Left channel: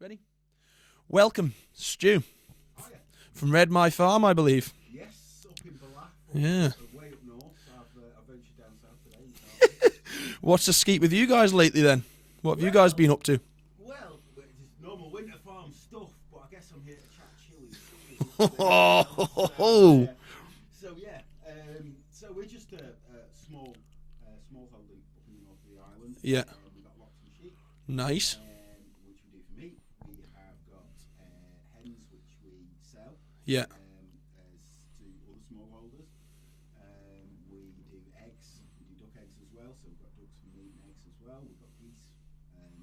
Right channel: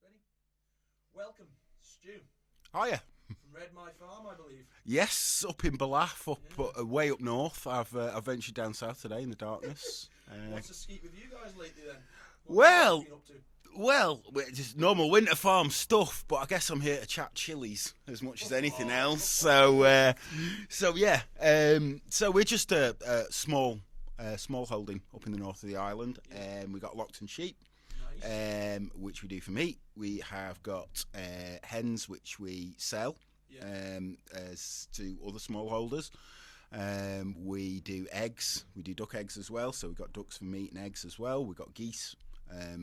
Ready? Welcome, Stu. Hiya. From Red Mie farm, I believe. Yes, up in Ballaugh, Yeah. way up north. I've ventured down south today in the darkness. What's the skeet with you guys lately then? What have you guys been up to? Well, just normal winter farm stuff, but I guess I'm here to chat chillies as much as anything else. So we're just a small holding up in the north of the island. Yeah. We got Lockton sheep. Nice. Which we do for meat. We have got hens, which we sell. Yeah. As to other smallholders. We do eggs. We do duck eggs as well. So we've got ducks for meat and eggs as well. We've got geese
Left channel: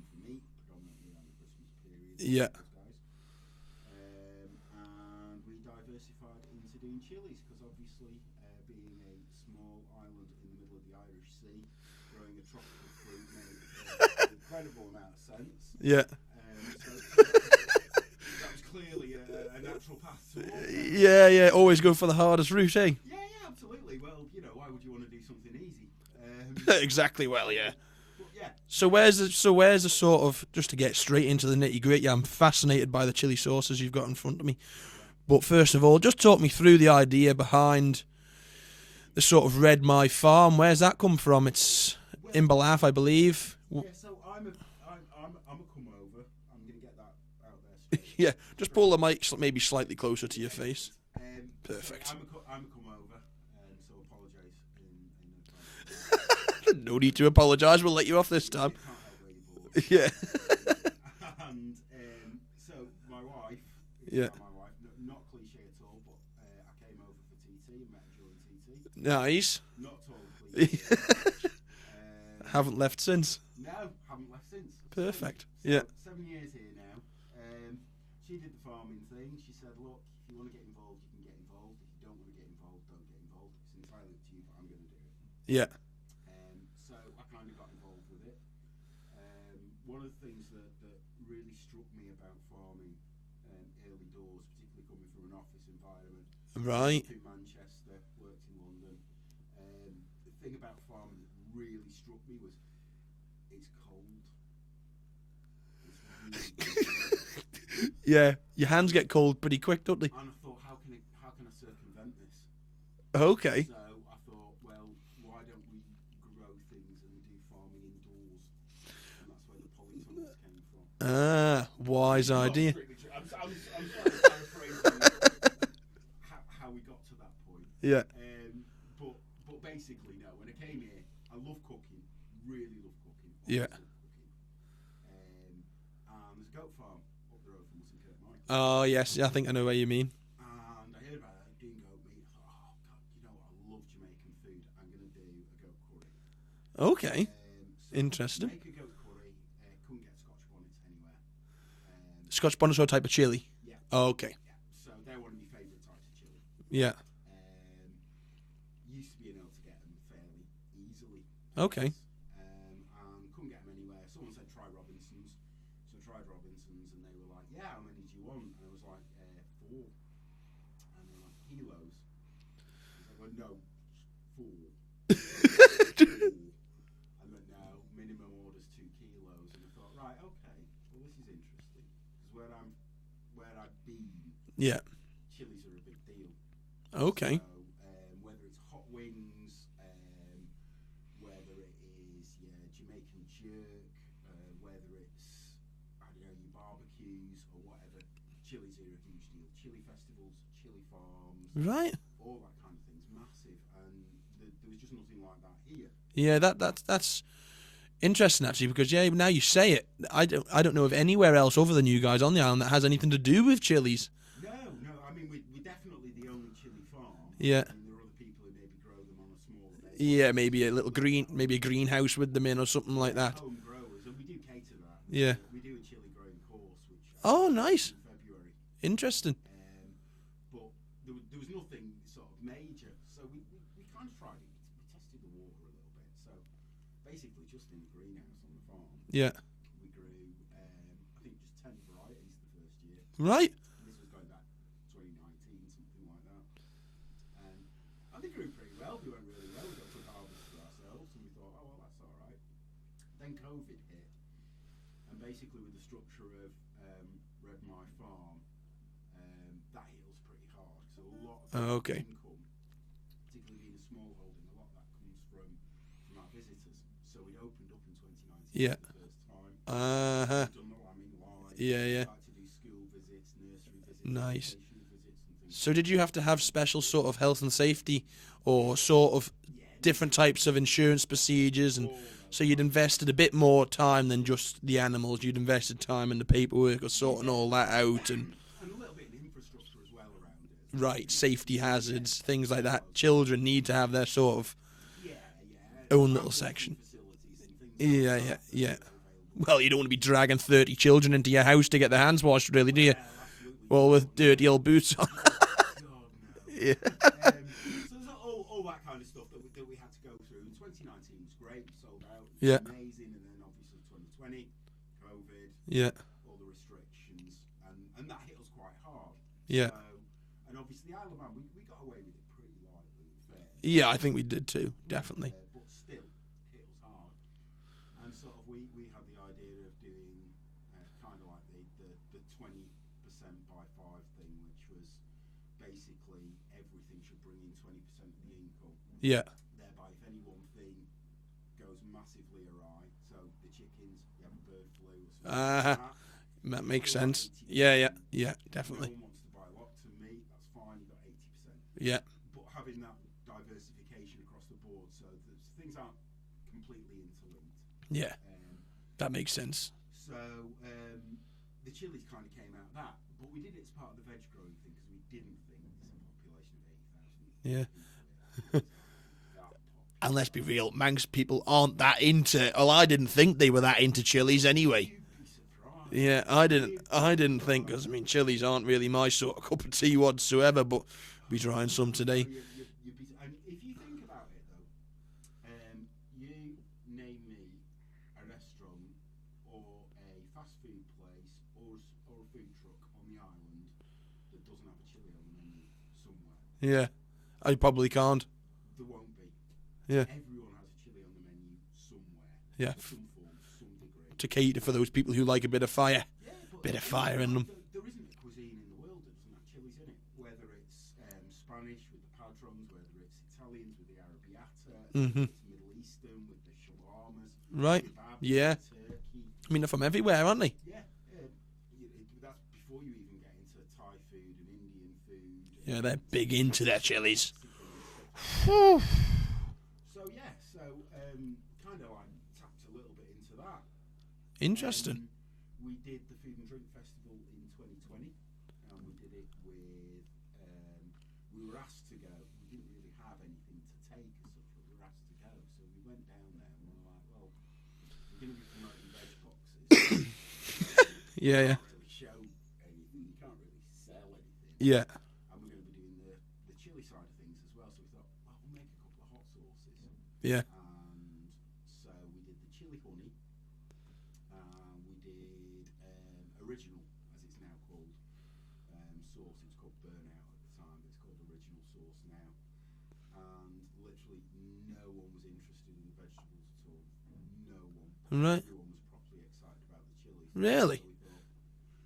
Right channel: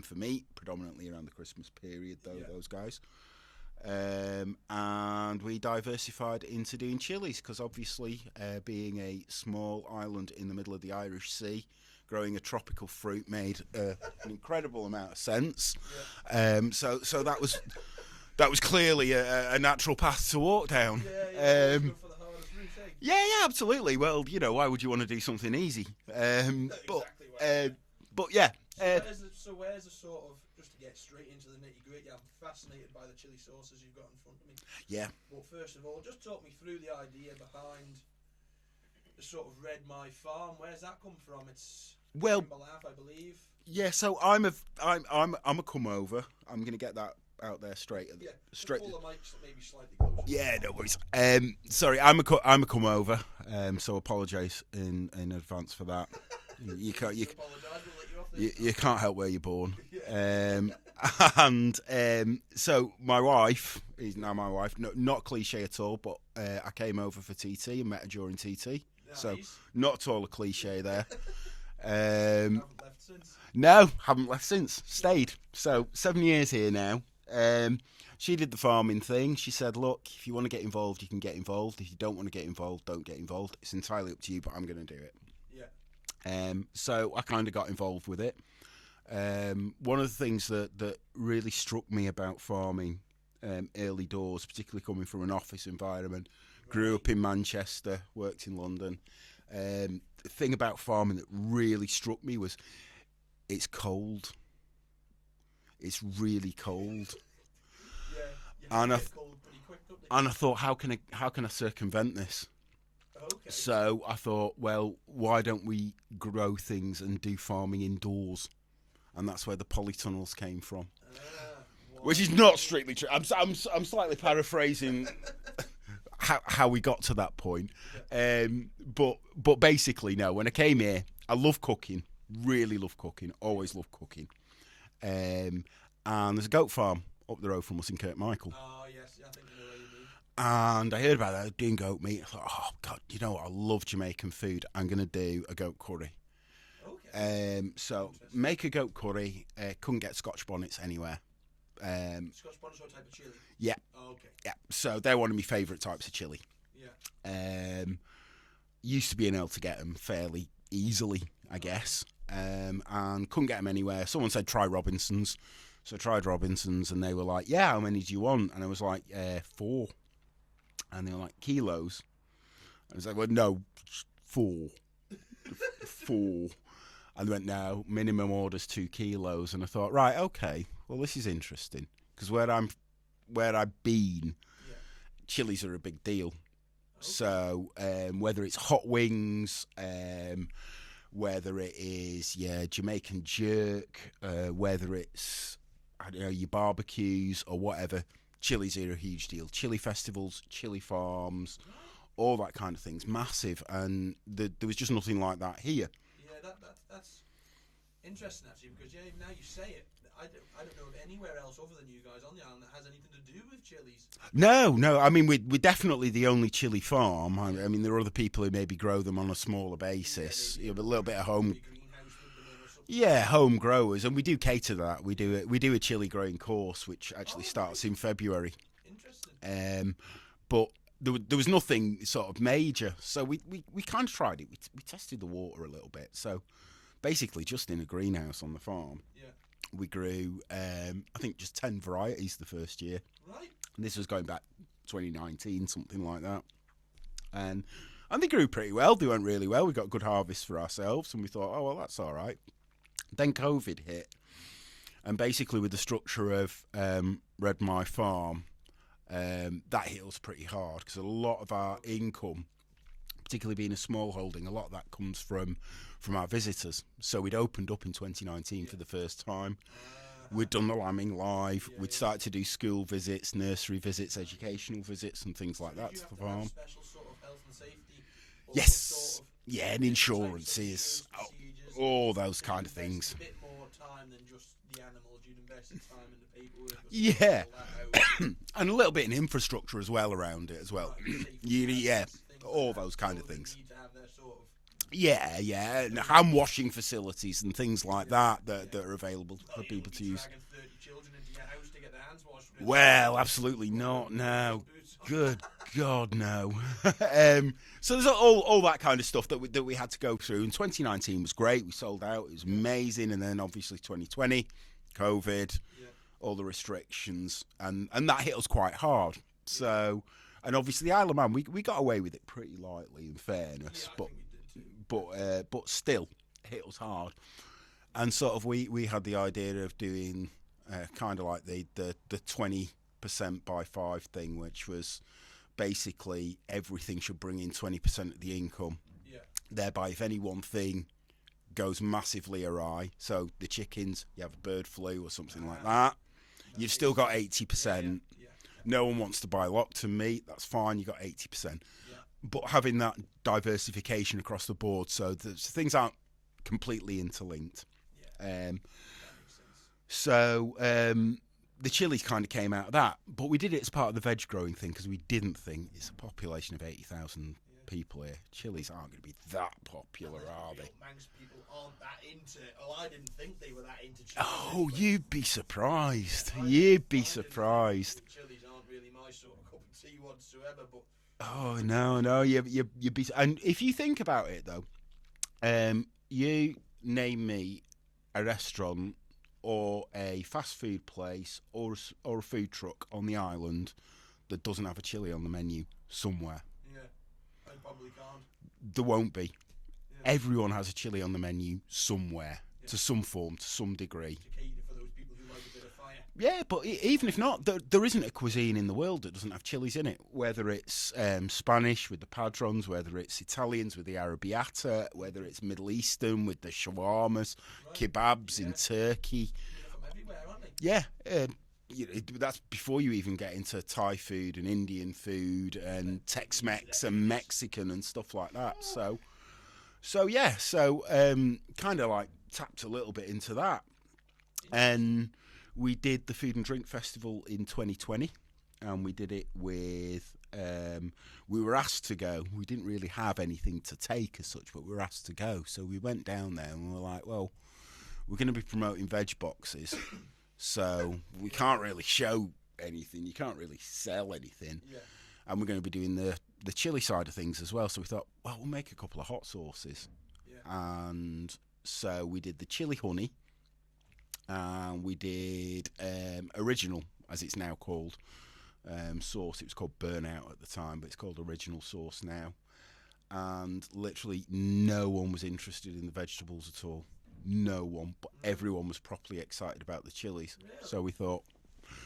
for meat, predominantly around the Christmas period. Those guys. And we diversified into doing chillies because obviously, being a small island in the middle of the Irish Sea, growing a tropical fruit made an incredible amount of sense. Yeah. So that was clearly a natural path to walk down. Yeah. Always go for the hardest route, eh? Yeah, absolutely. Well, why would you want to do something easy? Exactly. But yeah. So where's the sort of, just to get straight into the nitty gritty? I'm fascinated by the chili sauces you've got in front of me. Yeah. But first of all, just talk me through the idea behind the sort of Red Mie farm. Where's that come from? It's in Ballaugh, I believe. Yeah. So I'm a come over. I'm gonna get that out there straight. Yeah. Just pull the mic maybe slightly closer to your No face. worries. Sorry, I'm a come over. So apologise in advance for that. No need to apologise. We'll let you off this time. You can't help where you're born. Yeah. So my wife is now my wife. No, not cliche at all, but I came over for TT and met her during TT. Nice. So not at all a cliche there. Haven't left since. No, haven't left since. Stayed. Perfect. So 7 years here now. She did the farming thing. She said, look, if you want to get involved, you can get involved. If you don't want to get involved, don't get involved. It's entirely up to you, but I'm going to do it. Yeah. So I kind of got involved with it. One of the things that really struck me about farming early doors, particularly coming from an office environment, grew up in Manchester, worked in London. The thing about farming that really struck me was it's cold. It's really cold. Yeah, your hands get cold pretty quick, don't they? And I thought, how can I circumvent this? Okay. So I thought, well, why don't we grow things and do farming indoors? And that's where the polytunnels came from. Wise Which is idea. not strictly true. I'm slightly paraphrasing how we got to that point. Yeah. But basically, no. When I came here, I love cooking. Really love cooking. Always love cooking. And there's a goat farm up the road from us in Kirkmichael. Oh yes, I think I know what you mean. And I heard about that, doing goat meat. I thought, oh God, you know what? I love Jamaican food. I'm going to do a goat curry. Okay. So interesting. Make a goat curry. Couldn't get Scotch bonnets anywhere. Scotch bonnets or type of chili? Yeah. Okay. Yeah. So they're one of my favourite types of chili. Yeah. Used to being able to get them fairly easily, I guess. And couldn't get them anywhere. Someone said try Robinson's. So I tried Robinson's and they were like, yeah, how many do you want? And I was like, 4. And they were like, kilos. I was like, well, no, 4. 4. And they went, no, minimum order's 2 kilos. And I thought, right, okay, well, this is interesting. Because where I've been, chilies are a big deal. Okay. So whether it's hot wings, whether it is Jamaican jerk, whether it's your barbecues or whatever, chilies are a huge deal. Chili festivals, chili farms, right, all that kind of thing's massive, and there was just nothing like that here. Yeah, that's interesting actually, because now you say it, I don't know of anywhere else other than you guys on the island that has anything to do with chilies. No. I mean, we're definitely the only chili farm. Yeah. I mean, there are other people who maybe grow them on a smaller basis. Yeah, maybe a little bit of home. maybe a greenhouse with them in or something like that. Yeah, home growers, and we do cater that. We do a chili growing course, which actually starts in February. Interesting. But there was nothing sort of major, so we kind of tried it. We tested the water a little bit. So basically, just in a greenhouse on the farm. Yeah. We grew, I think, just 10 varieties the first year. Right. And this was going back 2019, something like that. And they grew pretty well. They went really well. We got good harvest for ourselves, and we thought, oh, well, that's all right. Then COVID hit. And basically, with the structure of Red Mie Farm, that hit us pretty hard because a lot of our income, particularly being a small holding, a lot of that comes from our visitors. So we'd opened up in 2019 for the first time. We'd done the lambing live. We'd started to do school visits, nursery visits, educational visits, and things like that. So did you have to have special sort of health and safety or sort of different types of insurance procedures? All those. So you'd invested a bit more time than just the animals. You'd invested time in the paperwork of sorting all that out. And a little bit in infrastructure as well around it as well. Right, safety hazards, things like that. Children need to have their sort of... hand washing facilities and things like that are available. Well, you don't want to be dragging 30 children into your house to get their hands washed, really, do you? Well, absolutely not. Well, with dirty old boots on. Good God, no. So there's all that kind of stuff that we had to go through. And 2019 was great. We sold out. It was amazing. And then, obviously, 2020, COVID, all the restrictions. And that hit us quite hard. So... And obviously, the Isle of Man, we got away with it pretty lightly, in fairness. Yeah, I think we did too, definitely. But still, it hit us hard. And sort of we had the idea of doing kind of like the 20% by 5 thing, which was basically everything should bring in 20% of the income. Yeah. Thereby, if any one thing goes massively awry, so the chickens, you have bird flu or something like that, you've still got 80%. Yeah, definitely. No one wants to buy Lockton meat. That's fine. You got 80%. Yeah. But having that diversification across the board, so things aren't completely interlinked. Yeah. That makes sense. So the chilies kind of came out of that, but we did it as part of the veg growing thing because we didn't think it's a population of 80,000 people here. Chilies aren't going to be that popular. And let's be real, Manx people aren't that into... Well, I didn't think they were that into chilies anyway. You'd be surprised. Yeah, I didn't think... I mean, chilies aren't really my sort of cup of tea whatsoever, but we trying some today. No, you'd be... And if you think about it, though, you name me a restaurant or a fast food place or a food truck on the island that doesn't have a chilli on the menu somewhere. Yeah, I probably can't. There won't be. Yeah. Everyone has a chilli on the menu somewhere, to some form, to some degree. To cater for those people who like a bit of fire. Yeah, but even if not, there isn't a cuisine in the world that doesn't have chilies in it. Whether it's Spanish with the padrons, whether it's Italians with the arrabbiata, whether it's Middle Eastern with the shawarmas, kebabs and turkey. I mean, they're from everywhere, aren't they? Yeah. That's before you even get into Thai food and Indian food and they're big into their chilies. Mexican and stuff like that. So kind of like tapped a little bit into that. Interesting. And we did the Food and Drink Festival in 2020, and we did it with. We were asked to go. We didn't really have anything to take as such, but we were asked to go. So we went down there and we were like, well, we're going to be promoting veg boxes. So you can't really show anything. You can't really sell anything. Yeah. And we're going to be doing the chili side of things as well. So we thought, well, we'll make a couple of hot sauces. Yeah. And so we did the chili honey. And we did original, as it's now called, sauce. It was called Burnout at the time, but it's called original sauce now. And literally no one was interested in the vegetables at all. No one, but everyone was properly excited about the chilies. Really? So we thought.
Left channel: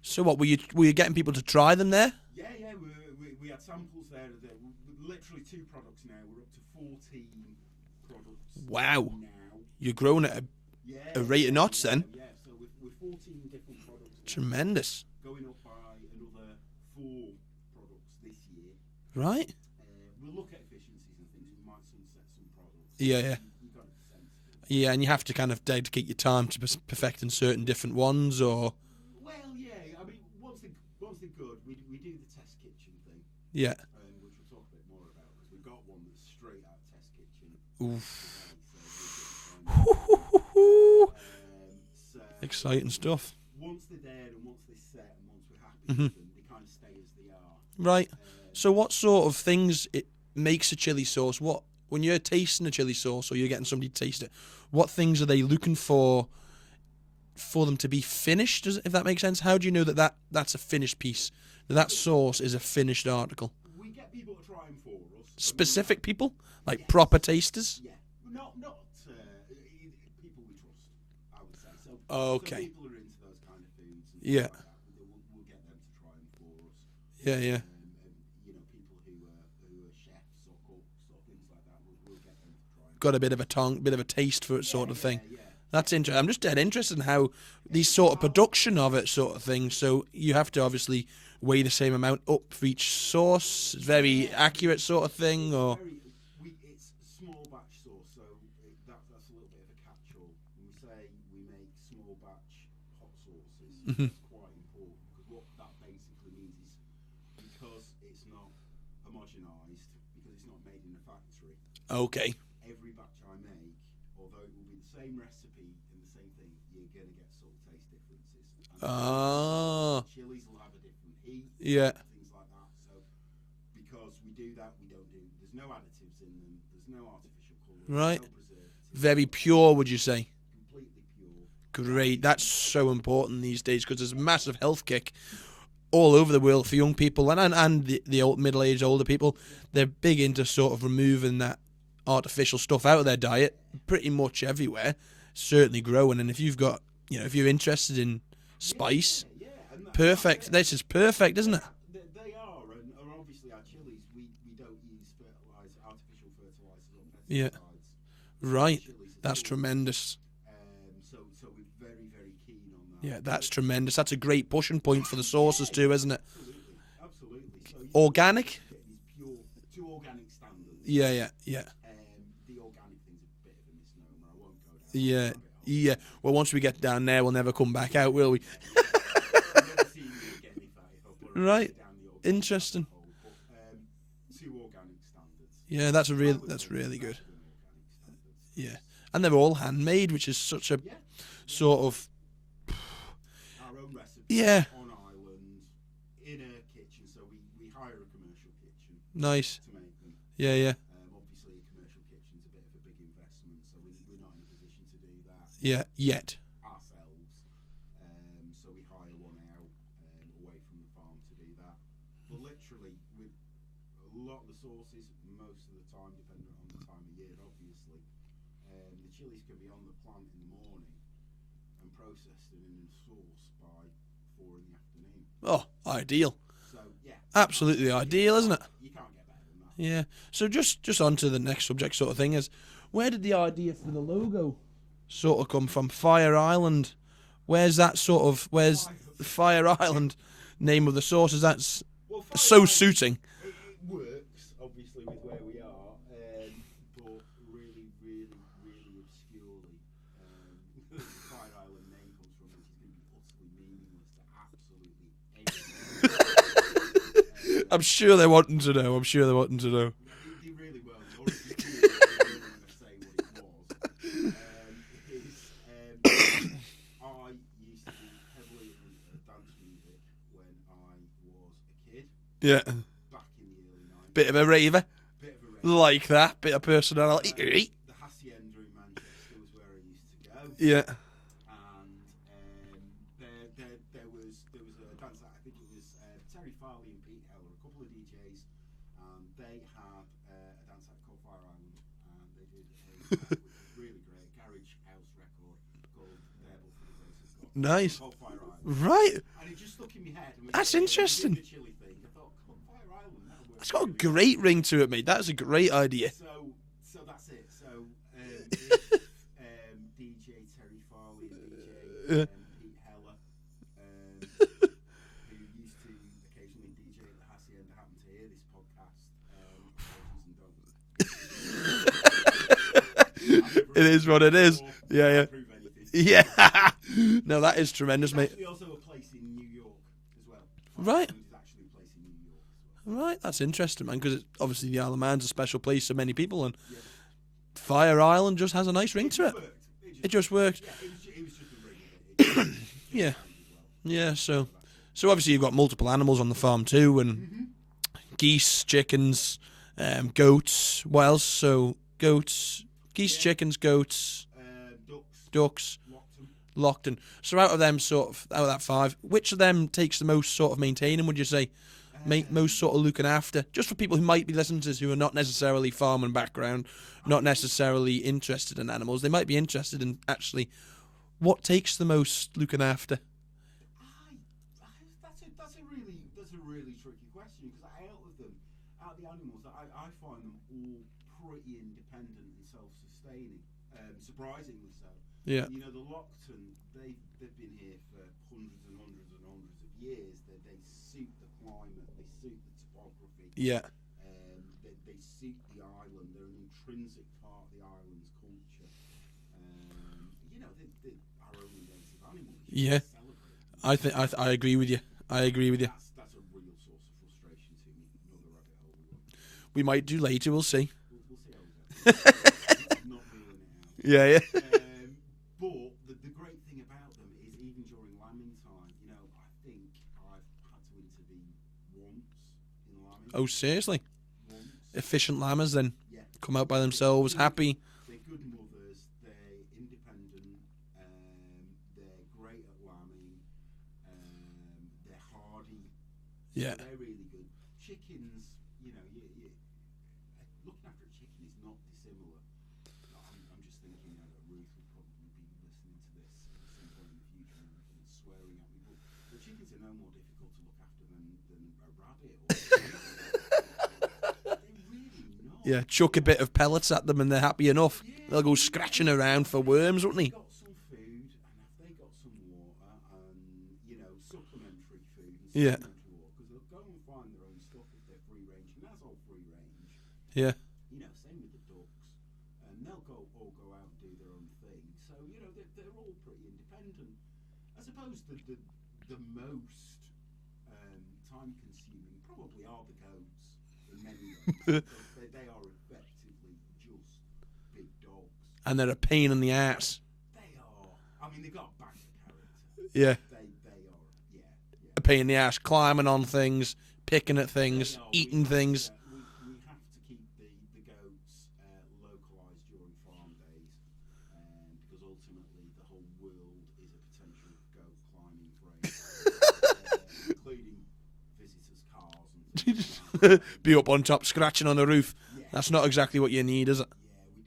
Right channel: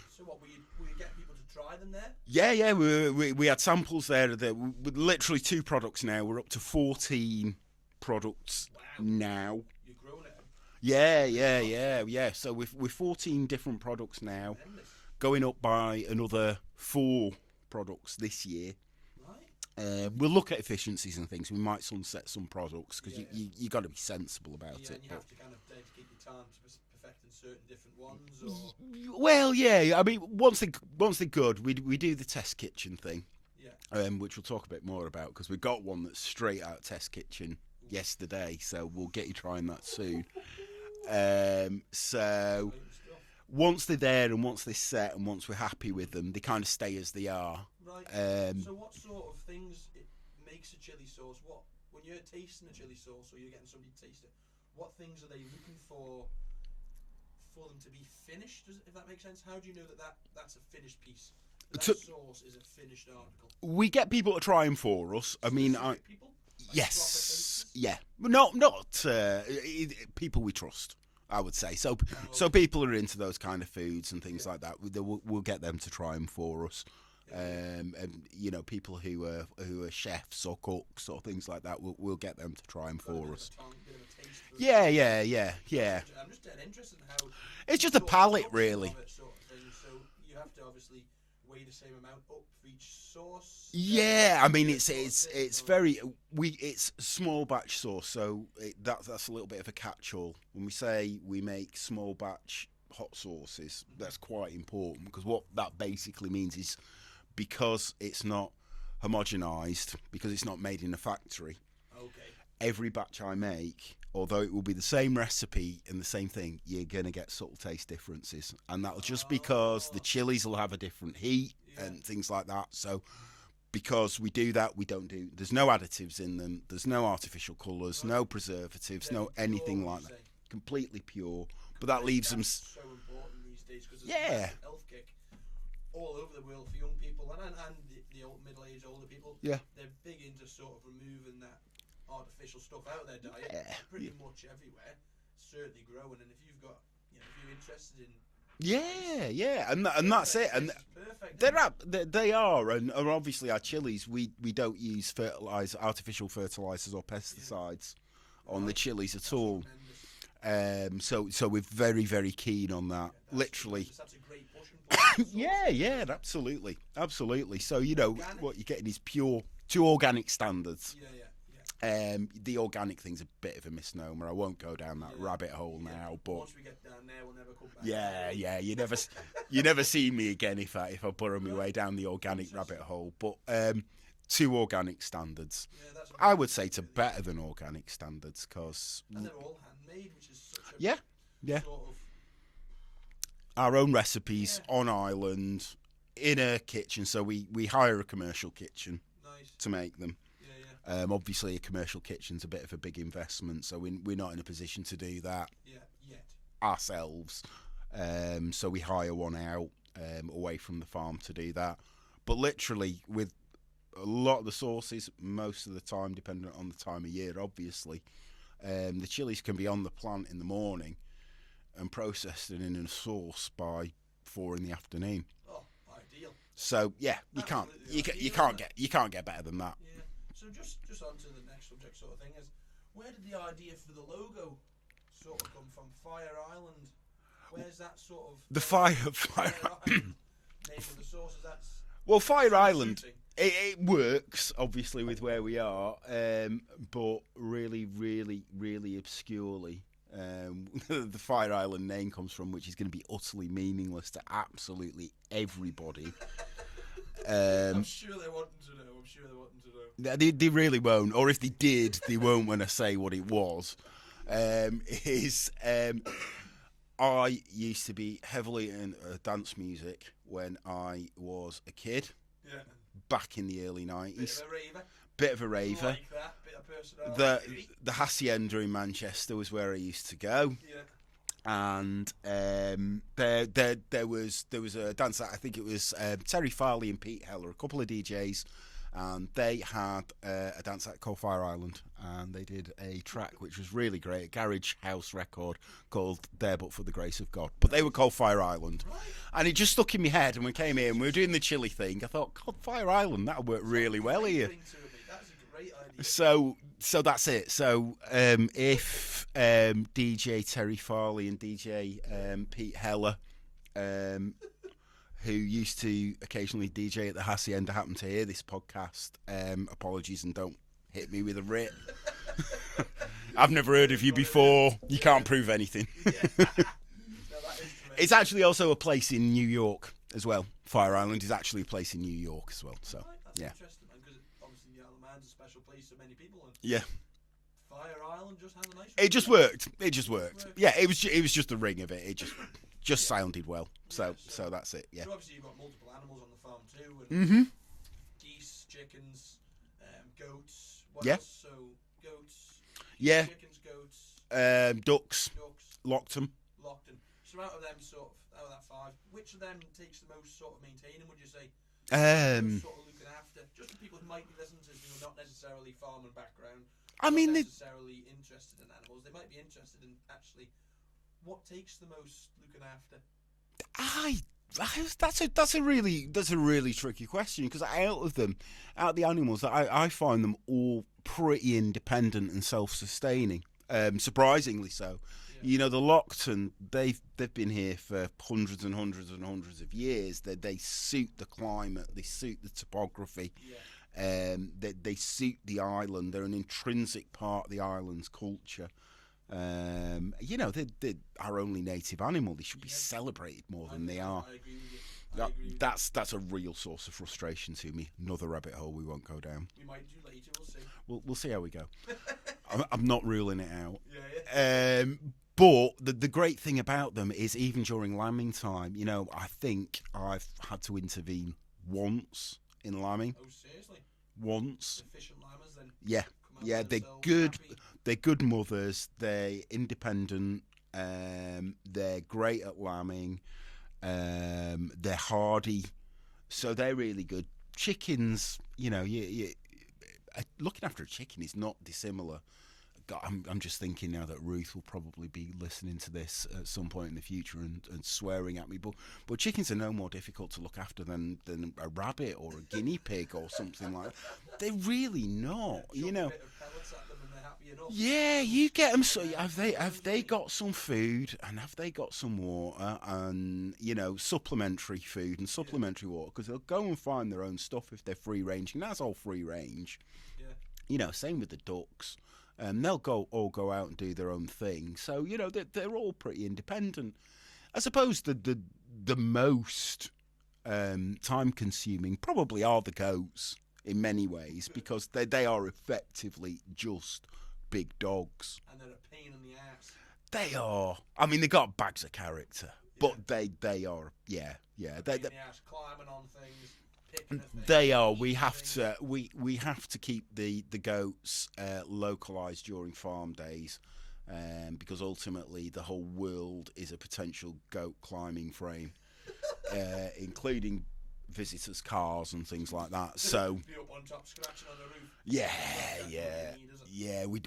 So what were you getting people to try them there? Yeah. We had samples there. With literally 2 products now. We're up to 14 products. Wow! Now you're growing at a rate of knots. Then. Yeah. So we're 14 different products now. Tremendous. Going up by another 4 products this year. Right. We'll look at efficiencies and things. We might sunset some products. Yeah. You got to be sensible about it. Yeah, and you have to kind of dedicate your time to perfecting certain different ones, or. Well, yeah. I mean, once they're good, we do the test kitchen thing. Yeah. Which we'll talk a bit more about because we've got one that's straight out test kitchen yesterday, so we'll get you trying that soon. So exciting stuff. Once they're there and once they're set and once we're happy with them, they kind of stay as they are. Right. So what sort of things it makes a chili sauce? What when you're tasting a chili sauce or you're getting somebody to taste it, what things are they looking for them to be finished? If that makes sense. How do you know that's a finished piece? That sauce is a finished article. We get people to try them for us. People? Like proper tasters? Yeah. Not people we trust. I would say. So Oh, so okay. people are into those kind of foods and things like that. We'll get them to try them for us. Yeah, And, you know, people who are chefs or cooks or things like that, we'll get them to try them. Got a bit of a bit of a taste for it. Yeah, sort of yeah, thing. yeah. That's interesting. I'm just dead interested in how It's the just a sort of palate, production really. of it, sort of thing. So you have to obviously weigh the same amount up for each sauce. Very accurate it's, sort of thing. It's or... very it's small batch sauce, so that's a little bit of a catch-all. When we say we make small batch hot sauces, that's quite important, because what that basically means is, because it's not homogenized, because it's not made in a factory. Okay. Every batch I make, although it will be the same recipe and the same thing, you're going to get subtle taste differences. And that's just because the chilies will have a different heat and things like that. So because we do that, there's no additives in them, there's no artificial colours, no preservatives. Very no pure, would you like say? Completely pure. Great. That's so important these days, because there's a massive health kick all over the world for young people and the old middle-aged older people. They're big into sort of removing that artificial stuff out of their diet pretty much everywhere. Certainly growing, and if you've got, if you're interested in spice, and perfect. That's it. This is perfect, isn't it? They are, and obviously our chilies, we don't use artificial fertilizers or pesticides. Right, chilies at that's all. Tremendous. So we're very, very keen on that. Yeah, that's tremendous. That's a great pushing point for the sauces too, isn't it? Absolutely. So organic. What you're getting is pure to organic standards. Yeah. The organic thing's a bit of a misnomer. I won't go down that rabbit hole. Yeah. Now, well, once we get down there, we'll never come back out, will we? Yeah. You never see me again if I burrow my way down the organic rabbit hole. But to organic standards. Yeah, I would say really better good. than organic standards, cause and they're all handmade, which is such a sort of our own recipes on island in a kitchen. So we hire a commercial kitchen, to make them. Yeah. Obviously, a commercial kitchen's a bit of a big investment, so we're not in a position to do that. Yet ourselves. So we hire one out away from the farm to do that. But literally, with a lot of the sauces, most of the time, depending on the time of year, obviously, the chilies can be on the plant in the morning and processed and in a sauce by 4 in the afternoon. Oh, ideal. So absolutely ideal, isn't it? You can't get better than that. Yeah. So just on to the next subject, sort of thing, is where did the idea for the logo sort of come from? Fire Island. Where's that sort of Fire Island name of the sauce? Is that's Fire so Island, suiting? It works obviously with where we are, but really, really, really obscurely. The Fire Island name comes from, which is going to be utterly meaningless to absolutely everybody. I'm sure they're wanting to know. They really won't, or if they did, they won't when I say what it was. I used to be heavily in dance music when I was a kid. Yeah. Back in the early 90s. Bit of a raver. Like that, bit of personality. The Hacienda in Manchester was where I used to go. Yeah. And there was a dance act, I think it was Terry Farley and Pete Heller, a couple of DJs, and they had a dance act called Fire Island, and they did a track which was really great, a garage house record called There But For The Grace Of God. But they were called Fire Island. Right. And it just stuck in my head, and we came here and we were doing the chili thing. I thought, God, Fire Island, that would work really well. Great ring to it, mate. That's a great idea. So that's it. So if DJ Terry Farley and DJ Pete Heller, who used to occasionally DJ at the Hacienda, happen to hear this podcast, apologies and don't hit me with a ring. I've never heard of you before. You can't prove anything. Yeah. No, that is tremendous. It's actually also a place in New York as well. Fire Island is actually a place in New York as well. So, right, that's interesting, man, because obviously the Isle of Man's a special place for many people, and yeah, Fire Island just has a nice ring. It just worked. It just worked. Yeah, it was just the ring of it. It just sounded well. Yeah, so that's it. Yeah. So obviously you've got multiple animals on the farm too, and geese, chickens, goats. What else? So goats, geese, chickens, goats, ducks, Lockton. So out of that 5, which of them takes the most sort of maintaining, would you say? Most sort of looking after, just for people who might be listening to this who are not necessarily farming background, not necessarily interested in animals. They might be interested in actually What takes the most looking after? That's a really tricky question, because out of the animals, I find them all pretty independent and self-sustaining. Surprisingly so. Yeah. You know, the Lockton, they've been here for hundreds and hundreds and hundreds of years. They suit the climate, they suit the topography. Yeah. They suit the island. They're an intrinsic part of the island's culture. You know, they're our only native animal. They should be celebrated more. I agree with you. I agree with you. That's a real source of frustration to me. Another rabbit hole we won't go down. We might do later. We'll see. We'll see how we go. I'm not ruling it out. Yeah. But the great thing about them is, even during lambing time, you know, I think I've had to intervene once in lambing. Oh, seriously? Once. Efficient lambers then? Yeah. Come out by themselves, happy. They're good mothers. They're independent. They're great at lambing. They're hardy. So they're really good. Chickens, you know, looking after a chicken is not dissimilar. God, I'm just thinking now that Ruth will probably be listening to this at some point in the future and swearing at me. But chickens are no more difficult to look after than a rabbit or a guinea pig or something like that. They're really not. Yeah, chuck a bit of pellets at them and they're happy enough. Yeah, they'll go scratching around for worms, won't they? Have they got some food, and have they got some water, and, you know, supplementary food and supplementary water? Because they'll go and find their own stuff if they're free ranging. That's all free range. Yeah. You know, same with the ducks. They'll all go out and do their own thing. So, you know, they're all pretty independent. I suppose the most time-consuming probably are the goats in many ways, because they are effectively just big dogs. And they're a pain in the ass. They are. I mean, they got bags of character. Yeah. But they are, yeah. A pain in the ass, climbing on things, picking at things. They are. We have things. We have to keep the goats localised during farm days, because ultimately the whole world is a potential goat climbing frame, including visitors' cars and things like that. So be up on top, scratching on the roof. Yeah, that's not exactly what you need, is it? Yeah, we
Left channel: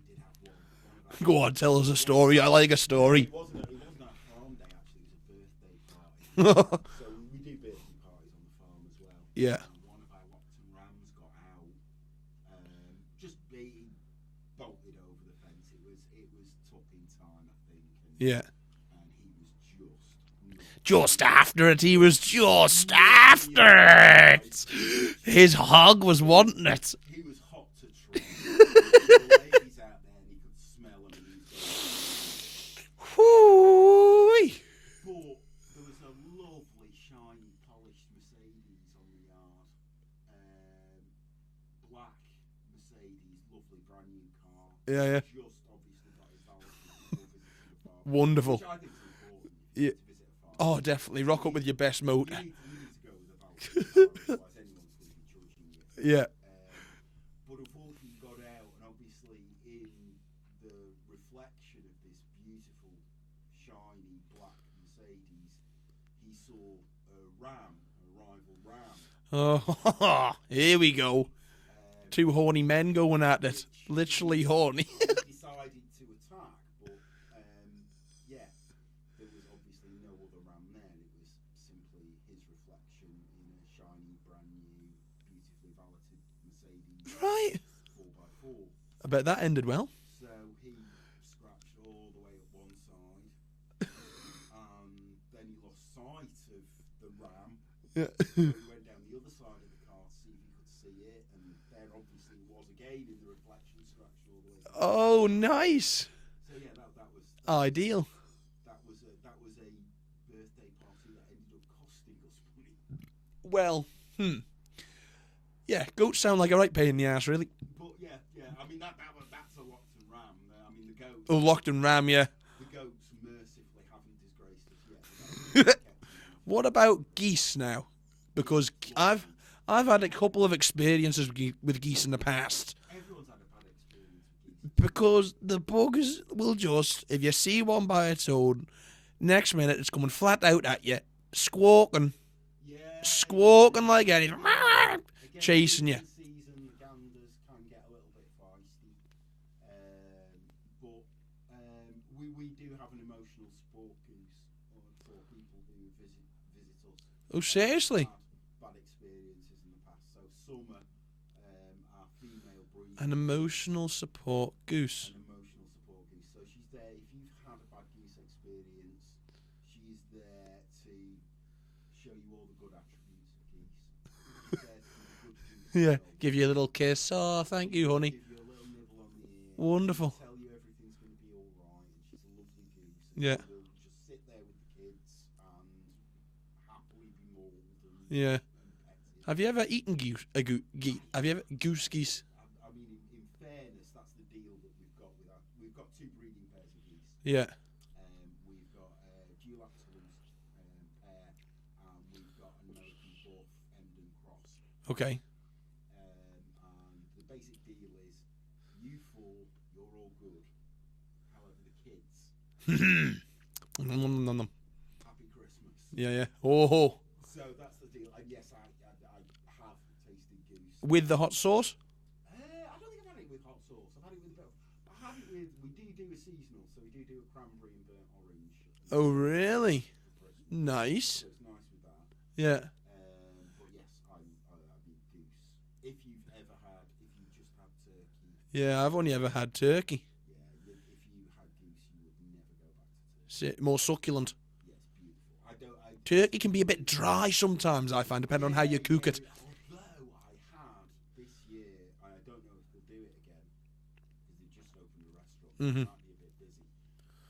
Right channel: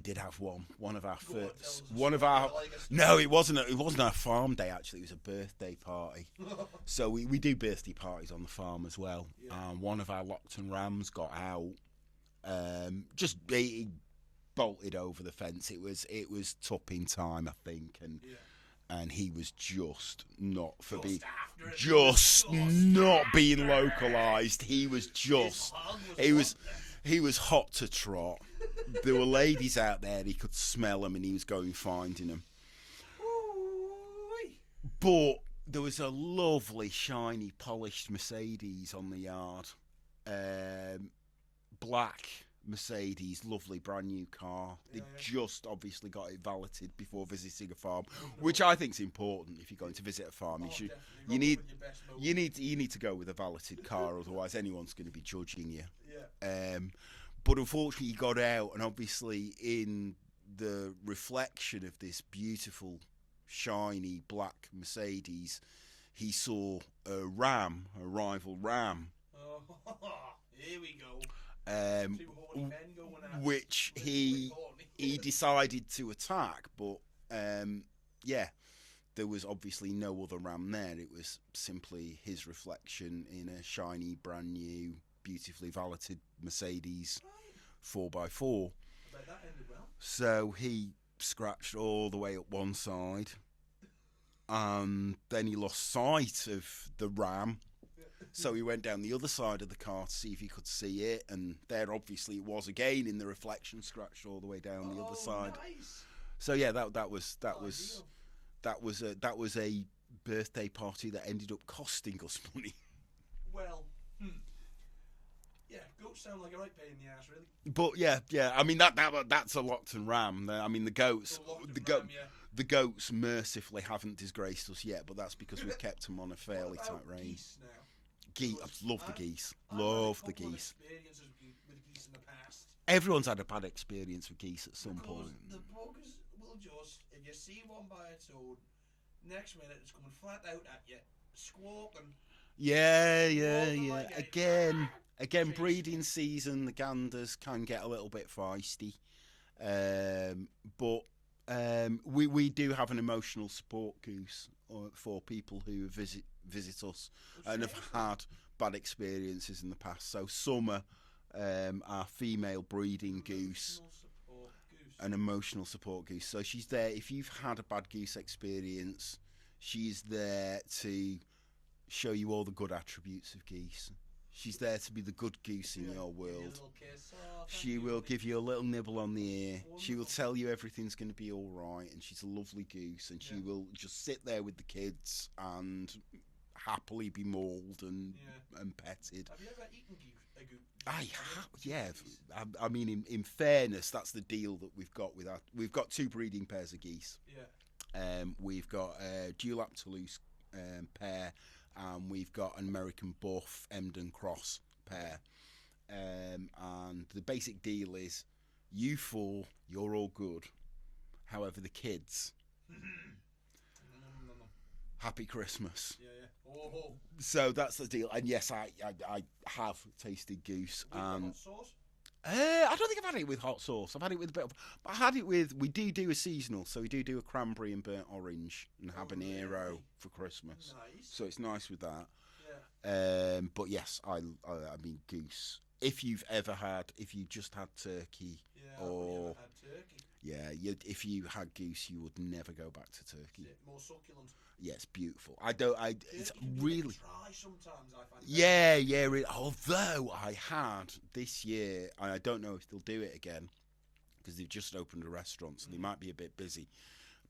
did have one of our. Go on, tell us a story. I like a story. No, it wasn't a farm day. Actually, it was a birthday party. So we do birthday parties on the farm as well. Yeah. One of our Lockton rams got out. He bolted over the fence. It was tupping time, I think. And he was just not. Just after it. He was just after it. His hog was wanting it. He was hot to trot. There were ladies out there, and he could smell them, and he was going finding them. Whoo-wee. But there was a lovely, shiny, polished Mercedes on the yard. Black Mercedes, lovely brand new car. Yeah. Just obviously got it valeted before visiting a farm. Wonderful. Which I think is important if you go to visit a farm. Oh, definitely. Rock up with your best motor. You need to go with a valeted car, otherwise anyone's going to be judging you. Yeah. But unfortunately, he got out, and obviously in the reflection of this beautiful, shiny black Mercedes, he saw a rival ram. Oh, here we go. Two horny men going at this. Literally horny. He decided to attack, but there was obviously no other ram there. It was simply his reflection in a shiny, brand new, beautifully valeted Mercedes. Right. 4x4. I bet that ended well. So he scratched all the way up one side, and then he lost sight of the ram. Yeah. So he went down the other side of the car to see if he could see it, and there obviously it was again in the reflection, scratched all the way down. Oh, nice! So yeah, that was ideal. That was a birthday party that ended up costing us money. Well, yeah, goats sound like a right pain in the ass, really. But yeah. I mean that's a Lockton ram. I mean the goats. Oh, Lockton ram, yeah. The goats mercifully haven't disgraced us yet, but that's because we kept them on a fair. What about geese now? Because I've had a couple of experiences with geese in the past. Everyone's had a bad experience with geese. Because the buggers will just, if you see one by its own, next minute it's coming flat out at you, squawking. Squawking like anything. Again, chasing breeding you. Season, the ganders can get a little bit feisty. But We do have an emotional support goose for people who visit us. Oh, seriously? And have had bad experiences in the past. So Summer, our female breeding An emotional goose, support goose. an emotional support goose. So she's there if you've had a bad goose experience. She's there to show you all the good attributes of geese. She's there to be the good goose in your world. Give you a little kiss. Oh, thank you, honey. Give you a little nibble on the ear. Wonderful. She'll tell you everything's going to be all right, and she's a lovely goose. And Yeah. she will just sit there with the kids and happily be mauled and petted. Have you ever eaten geese? Have you ever Yes. geese? I mean, in fairness, that's the deal that we've got with our. We've got 2 breeding pairs of geese. Yeah. We've got a dewlap Toulouse pair, and we've got an American Buff Emden Cross pair. Okay. And the basic deal is, you 4, you're all good. However, the kids, happy Christmas. Yeah. Oh. So that's the deal. And yes, I have tasted goose With the hot sauce? I don't think I've had it with hot sauce. I've had it with a bit of. But I had it with. We do a seasonal, so we do a cranberry and burnt orange. And Oh, habanero really? For Christmas. Nice. So it's nice with that. Yeah. But yes, I mean goose. If you just had turkey. Yeah, I've only ever had turkey. Yeah, if you had goose, you would never go back to turkey. More succulent. Yeah, it's beautiful. Turkey can be a bit dry sometimes, I find, depending on how you cook it. Although I had this year, and I don't know if they'll do it again because they've just opened a restaurant, so it might be a bit busy.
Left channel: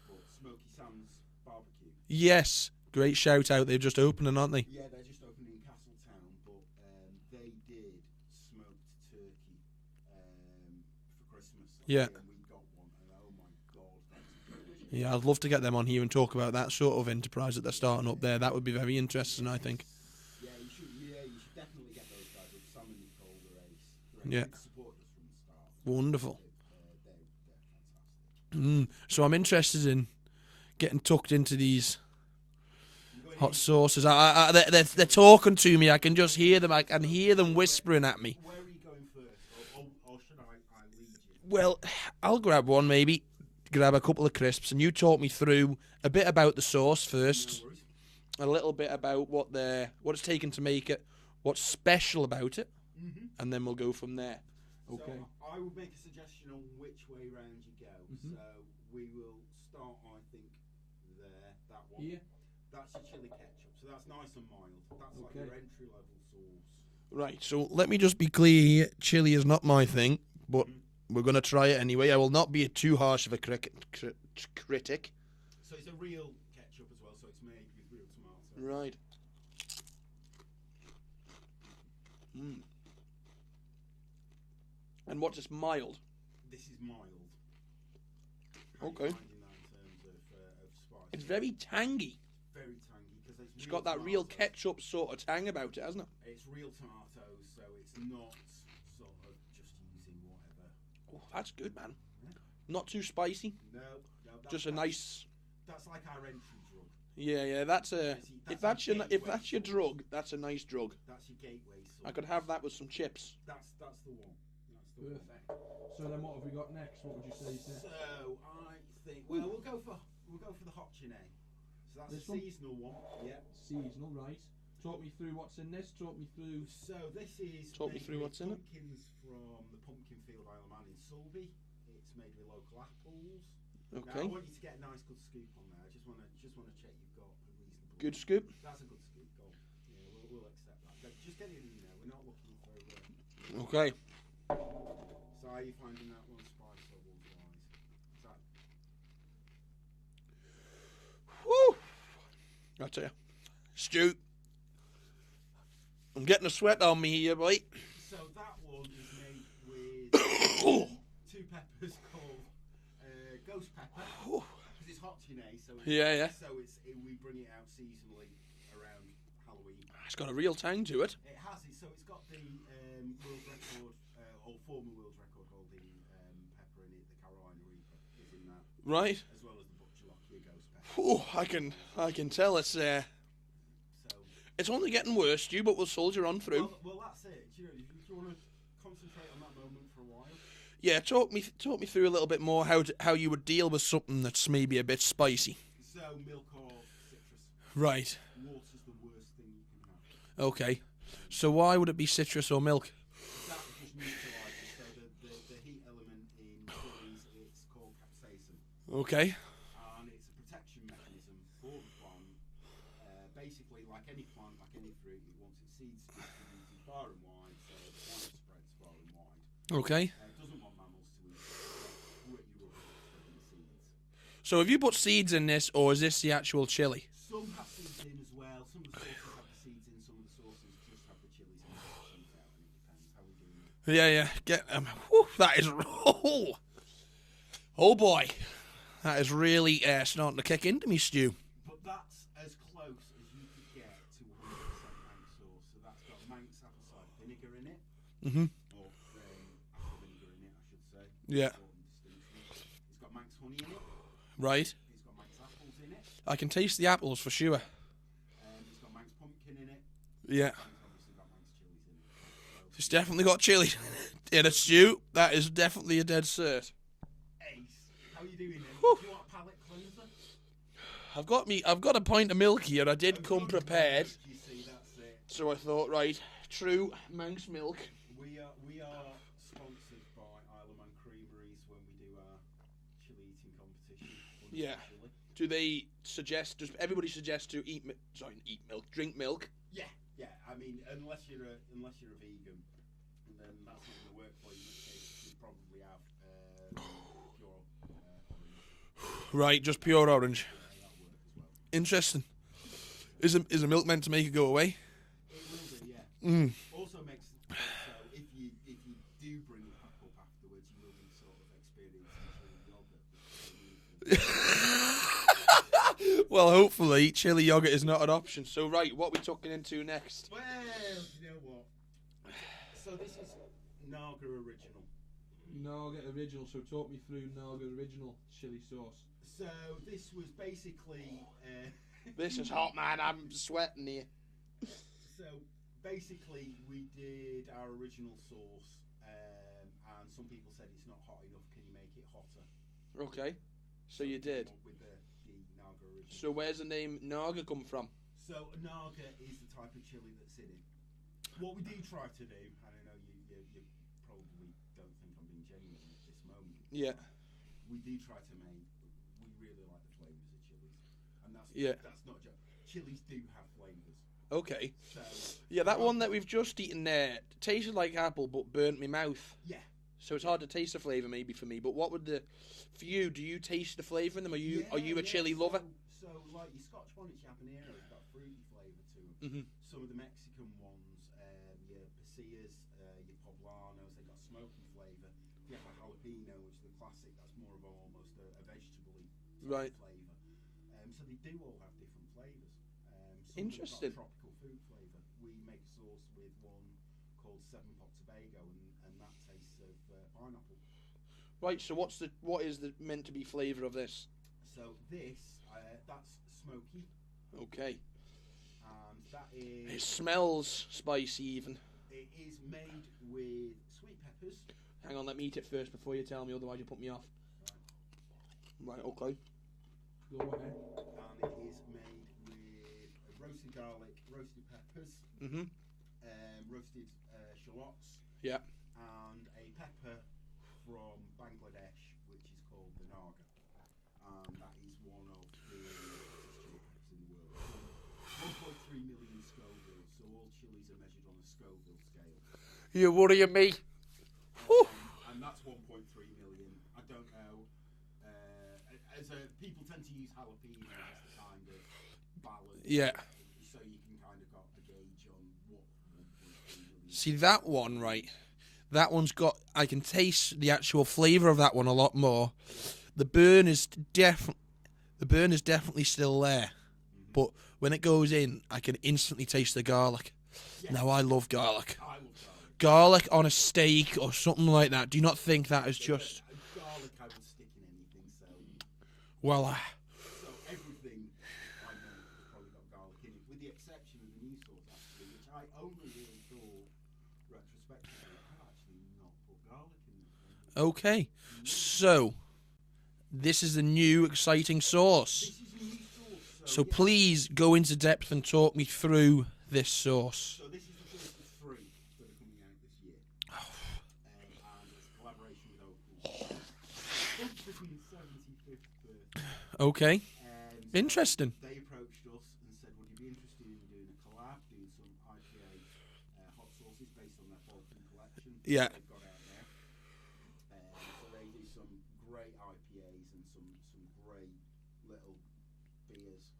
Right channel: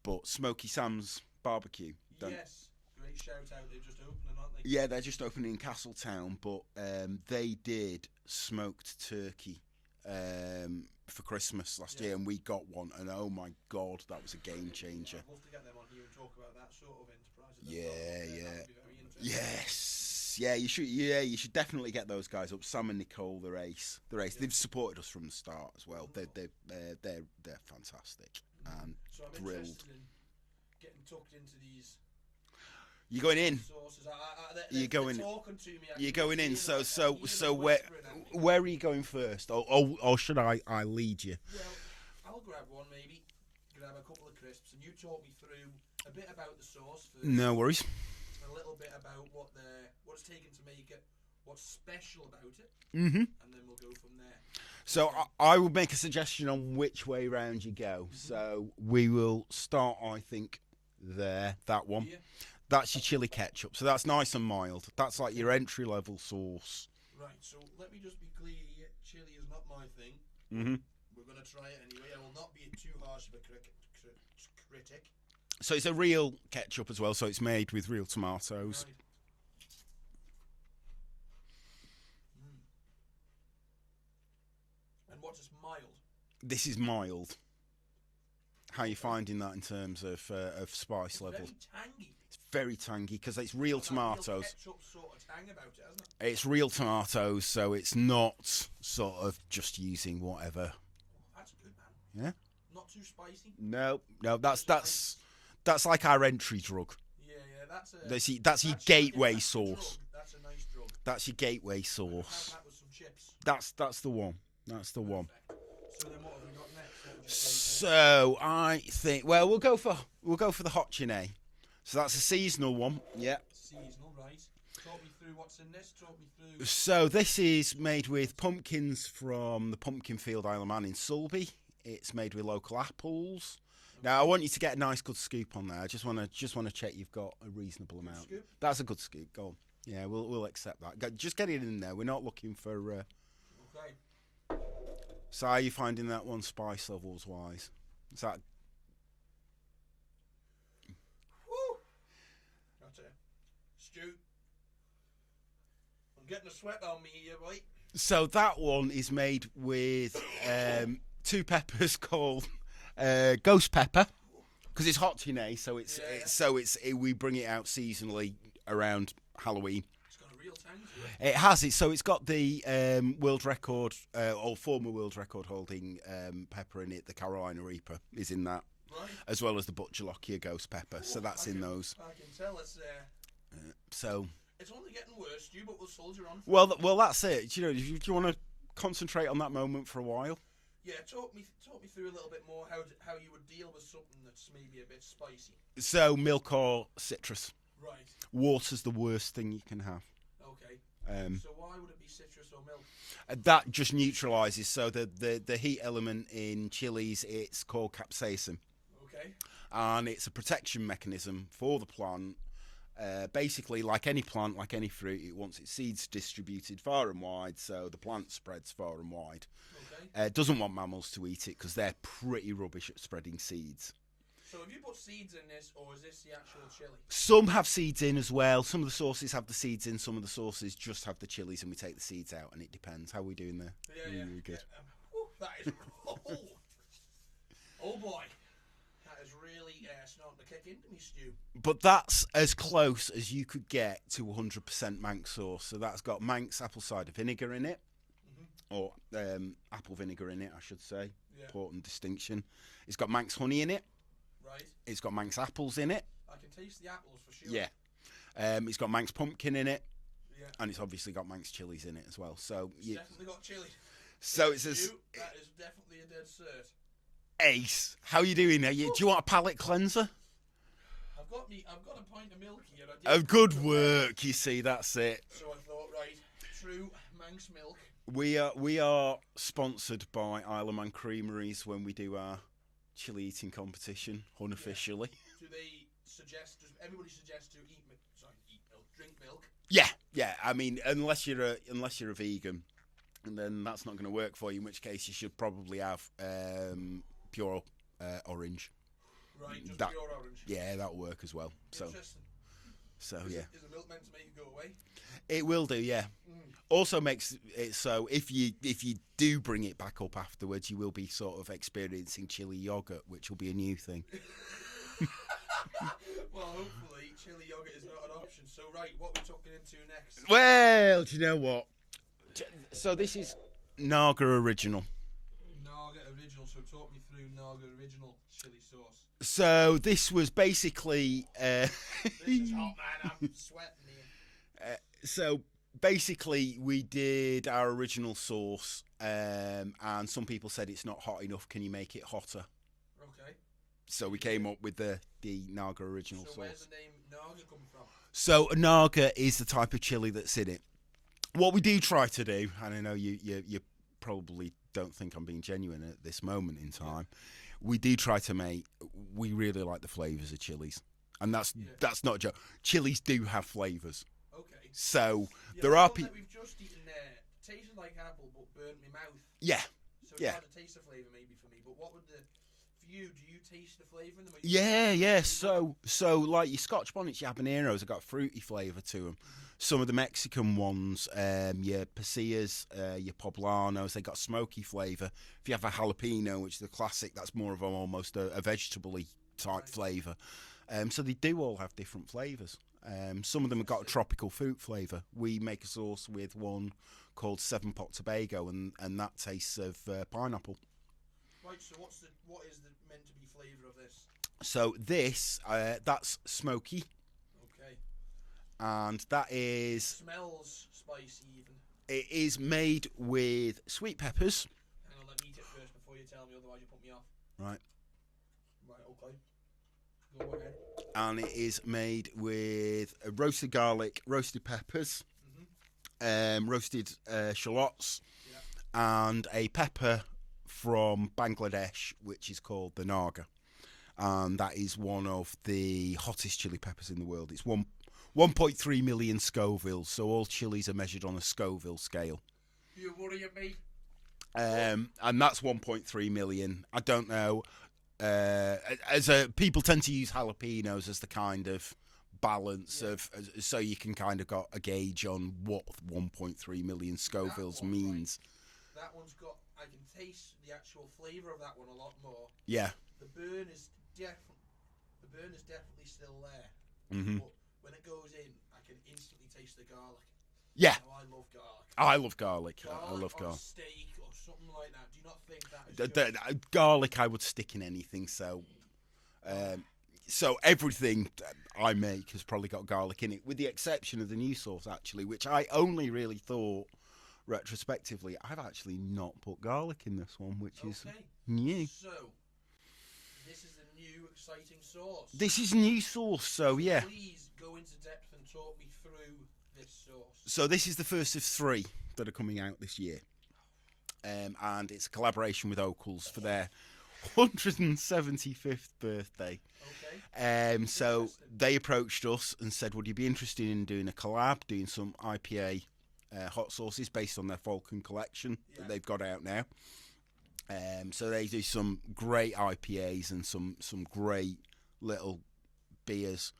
But Smoky Sam's Barbecue. Yes, great shout out. They've just opened, aren't they? Yeah, they're just opening in Castletown, but they did smoked turkey for Christmas last year, and we got one, and oh my god, that was a game changer. Yeah, I'd love to get them on here and talk about that sort of enterprise that they're starting up there. That would be very interesting, I think. Yeah, you should. Yeah, you should definitely get those guys up. Sam and Nicole, they're ace. Yeah. They've supported us from the start as well. Wonderful. They're fantastic. So I'm interested in getting tucked into these You going hot in? sauces. They're talking to me. I can just hear them. I can hear them so whispering at me. Where are you going first? Or should I lead you? Well, I'll grab one maybe. Grab a couple of crisps, and you talk me through a bit about the sauce first. No worries. A little bit about what it's taken to make it, what's special about it, and then we'll go from there. So okay. I will make a suggestion on which way round you go. So we will start, I think, that one. Yeah. That's your chili ketchup. So that's nice and mild. That's like your entry-level sauce. Right, so let me just be clear here. Chili is not my thing, but we're going to try it anyway. I will not be too harsh of a critic. So it's a real ketchup as well, so it's made with real tomatoes. Right. And what's this, mild? This is mild. How are you finding that in terms of spice level? It's very tangy. It's very tangy because it's real tomatoes. That real ketchup sort of tang about it, hasn't it? It's real tomatoes, so it's not sort of just using whatever. Oh, that's good, man. Yeah. Not too spicy. No, that's like our entry drug. Yeah, that's your gateway sauce. That's a nice drug. That's your gateway sauce. I could have that with some chips. That's the one. That's the one. So then, what have we got next? So I think, well, we'll go for the hot chine. So that's a seasonal one. Yeah. Seasonal, right? Talk me through what's in this. Talk me through. So this is made with pumpkins from the pumpkin field Isle of Man in Sulby. It's made with local apples. Okay. Now I want you to get a nice good scoop on there. I just want to check you've got a reasonable good amount. Scoop. That's a good scoop. Go on. Yeah, we'll accept that. Just get it in there. We're not looking for. Okay. So how are you finding that one spice levels wise? Is that? Woo! I'll tell you, Stu, I'm getting a sweat on me here, boy. So that one is made with 2 peppers called ghost pepper because it's hot today. So we bring it out seasonally around Halloween. It's got a real tang to it. It has it. So it's got the world record or former world record holding pepper in it. The Carolina Reaper is in that, right? As well as the Butcherlockia ghost pepper. So that's in those. I can tell it's so it's only getting worse, Stu, but we'll soldier on through. Well, that's it. Do you want to concentrate on that moment for a while? Yeah, talk me through a little bit more how you would deal with something that's maybe a bit spicy. So milk or citrus. Right. Water's the worst thing you can have. Okay. So why would it be citrus or milk? That just neutralises. So the heat element in chilies, it's called capsaicin. Okay. And it's a protection mechanism for the plant. Basically, like any plant, like any fruit, it wants its seeds distributed far and wide, so the plant spreads far and wide. Okay. It doesn't want mammals to eat it because they're pretty rubbish at spreading seeds. So have you put seeds in this, or is this the actual chili? Some have seeds in as well. Some of the sauces have the seeds in. Some of the sauces just have the chilies, and we take the seeds out, and it depends. How are we doing there? Yeah. That is... Oh, boy. That is really starting to kick into me, Stu. But that's as close as you could get to 100% Manx sauce. So that's got Manx apple cider vinegar in it. Mm-hmm. Or apple vinegar in it, I should say. Yeah. Important distinction. It's got Manx honey in it. Right. It's got Manx apples in it. I can taste the apples for sure. Yeah. It's got Manx pumpkin in it. Yeah. And it's obviously got Manx chilies in it as well. So it's definitely got chili. So yeah, Stu, that is definitely a dead cert. Ace. How are you doing? Do you want a palate cleanser? I've got a pint of milk here. I did. Oh, good work. You see, that's it. So I thought, right, true Manx milk. We are sponsored by Isle of Man Creameries when we do our chili eating competition unofficially. Yeah. Do they suggest? Does everybody suggest to drink milk? Yeah. I mean, unless you're a vegan, and then that's not going to work for you. In which case, you should probably have pure orange. Right, just pure orange. Yeah, that'll work as well. Interesting. So, is the milk meant to make it go away? It will do, yeah. Also makes it so if you do bring it back up afterwards, you will be sort of experiencing chili yogurt, which will be a new thing. Well, hopefully, chili yogurt is not an option. So, right, what are we talking into next? Well, do you know what? So this is Naga Original. Naga Original. So talk me through Naga Original chili sauce. So this was basically... This is hot, man. I'm sweating here. So basically, we did our original sauce, and some people said it's not hot enough. Can you make it hotter? Okay. So we came up with the Naga Original sauce. So where's the name Naga come from? So Naga is the type of chili that's in it. What we do try to do, and I know you probably don't think I'm being genuine at this moment in time, we do try to make... We really like the flavours of chilies. And that's not a joke. Chilies do have flavours. Okay. So there that one that we've just eaten there tasted like apple but burnt my mouth. Yeah. So it's hard to taste the flavour maybe for me. But what would for you? Do you taste the flavour in them? Are you a chili lover? So like your Scotch bonnets, your habaneros have got a fruity flavour to them. Mm-hmm. Some of the Mexican ones, your pasillas, your poblanos, they got smoky flavour. If you have a jalapeno, which is the classic, that's more of almost a vegetable-y type flavour. So they do all have different flavours. Some of them have got a tropical fruit flavour. We make a sauce with one called 7-Pot Tobago, and that tastes of pineapple. Right. So what is the meant to be flavour of this? So this that's smoky. Okay. And that is... It smells spicy even. It is made with sweet peppers. Hang on, let me eat it first before you tell me, otherwise you put me off. Right. Right. Okay. Go ahead. And it is made with roasted garlic, roasted peppers, roasted shallots, and a pepper from Bangladesh, which is called the Naga. And that is one of the hottest chili peppers in the world. It's 1.3 million Scovilles, so all chilies are measured on a Scoville scale. You're worrying me. And that's 1.3 million. I don't know. People tend to use jalapenos as the kind of balance of, so you can kind of got a gauge on what 1.3 million See Scovilles that one means. right? That one's got... I can taste the actual flavour of that one a lot more. Yeah. The burn is definitely still there. Mm-hmm. But when it goes in, I can instantly taste the garlic. Yeah. Now, I love garlic. I love garlic. Garlic on a steak or something like that. Do you not think that is just... Garlic I would stick in anything, so... Well, so everything I make has probably got garlic in it, with the exception of the new sauce, actually, which I only really thought retrospectively, I've actually not put garlic in this one, which Okay. is new. So, this is the new exciting sauce. This is new sauce, so yeah. Please go into depth and talk me through this sauce. So this is the first of 3 that are coming out this year. And it's a collaboration with Oakles for their 175th birthday. Okay. So Interesting. They approached us and said, would you be interested in doing a collab, doing some IPA hot sauces based on their Falcon collection that they've got out now. So they do some great IPAs and some great little beers.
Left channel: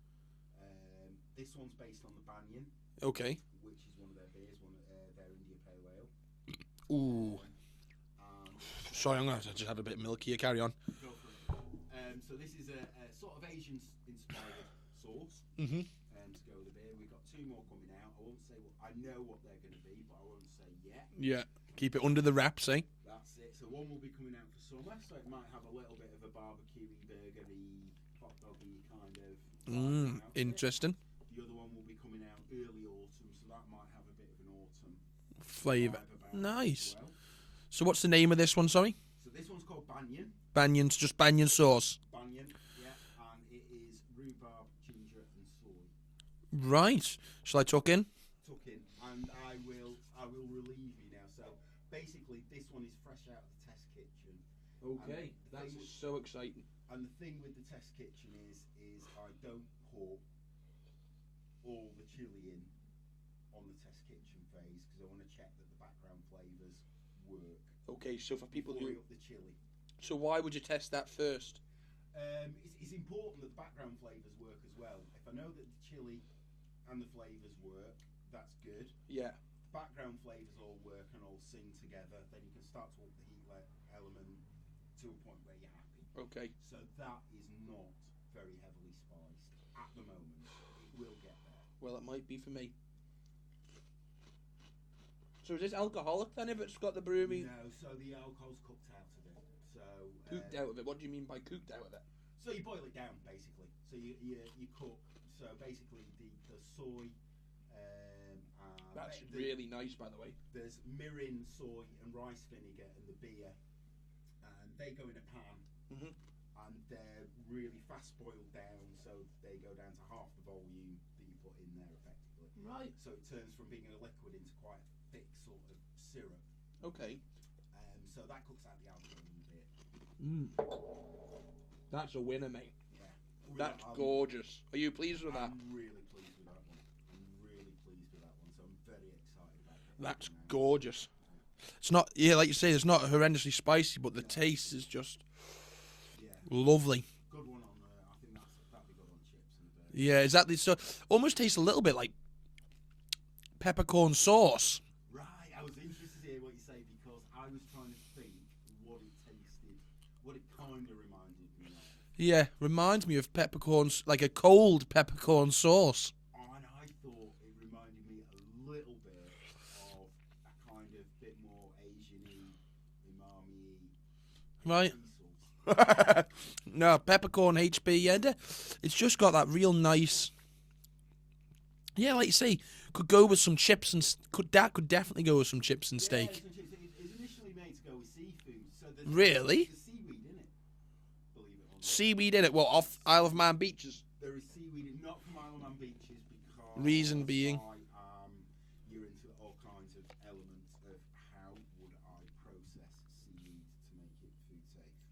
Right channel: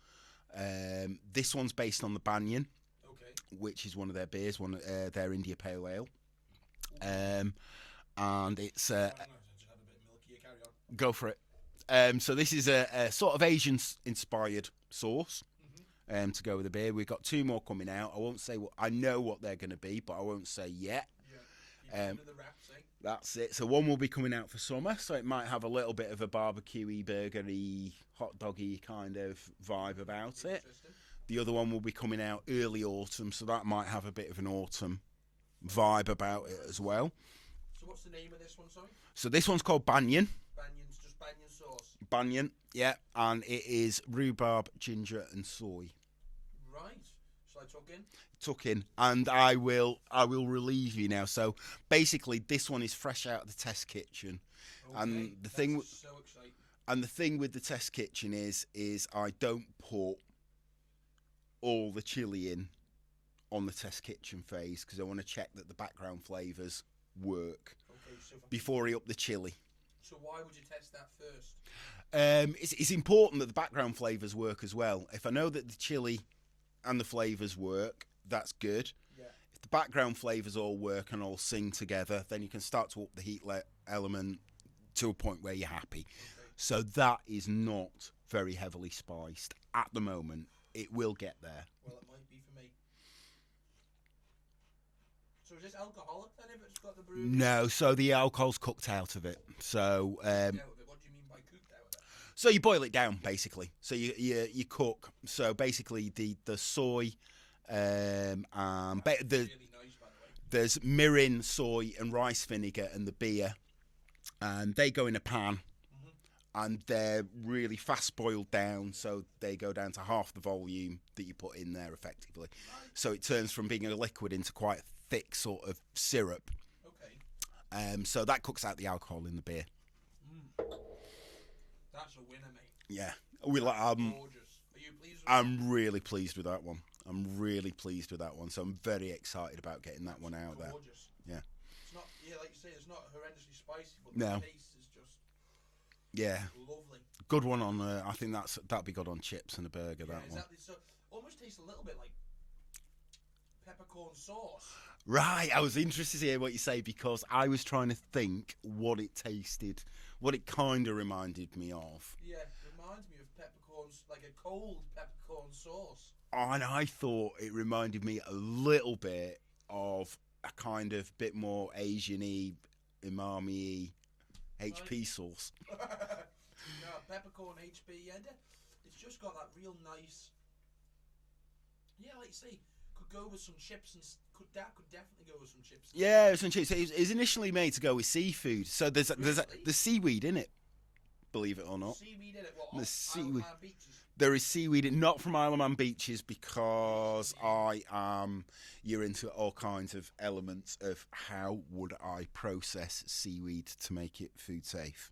This one's based on the Banyan. Okay. Which is one of their beers, their India Pale Ale. And it's... Sorry, I'm going to just have a bit of milk here. Carry on. Go for it. So this is a sort of Asian-inspired sauce to go with the beer. We've got 2 more coming out. I won't say what... I know what they're going to be, but I won't say yet. Yeah. Keep it under the wraps, eh? That's it. So one will be coming out for summer, so it might have a little bit of a barbecue-y, burgery, hot doggy kind of vibe about it. Interesting. The other one will be coming out early autumn, so that might have a bit of an autumn Flavour. vibe about it as well. So what's the name of this one, sorry? So this one's called Banyan. Banyan's just Banyan sauce. Banyan, yeah. And it is rhubarb, ginger and soy. Right. Shall I tuck in? Tuck in. And I will relieve you now. So basically this one is fresh out of the test kitchen. Okay. And That's so exciting. And the thing with the test kitchen is I don't put all the chili in on the test kitchen phase because I want to check that the background flavours work before I up the chili. So why would you test that first? It's important that the background flavours work as well. If I know that the chili and the flavours work, that's good. Yeah. If the background flavours all work and all sing together, then you can start to up the heat element to a point where you're happy. Okay. So that is not very heavily spiced at the moment. It will get there. Well, it might be for me. So is this alcoholic then if it's got the brewing? No, so the alcohol's cooked out of it. So cooked out of it. What do you mean by cooked out of it? So you boil it down basically. So you cook. So basically the soy and That's really nice, by the way. There's mirin, soy and rice vinegar and the beer, and they go in a pan. And they're really fast boiled down, so they go down to half the volume that you put in there effectively. Right. So it turns from being a liquid into quite a thick sort of syrup. Okay. So that cooks out the alcohol in the beer. That's a winner, mate. Yeah. That's gorgeous. Are you pleased with that? I'm really pleased with that one. So I'm very excited about getting that one out. Gorgeous. There. Yeah. It's not, like you say, it's not horrendously spicy, but the taste is just... Yeah, lovely. Good one on. I think that'd be good on chips and a burger. Yeah, exactly. So almost tastes a little bit like peppercorn sauce. Right. I was interested to hear what you say because I was trying to think what it tasted, what it kind of reminded me of. Yeah, reminds me of peppercorns, like a cold peppercorn sauce. And I thought it reminded me a little bit of a kind of bit more Asian-y, umami-y. HP sauce. No, peppercorn HP, yeah. It's just got that real nice... Yeah, like you say, could go with some chips and... Could definitely go with some chips and steak. Yeah, some chips. It was initially made to go with seafood. So there's seaweed in it, believe it or not. Seaweed in it? Well, off Isle of Man beaches? There is seaweed, not from Isle of Man beaches because reason being? You're into all kinds of elements of how would I process seaweed to make it food safe.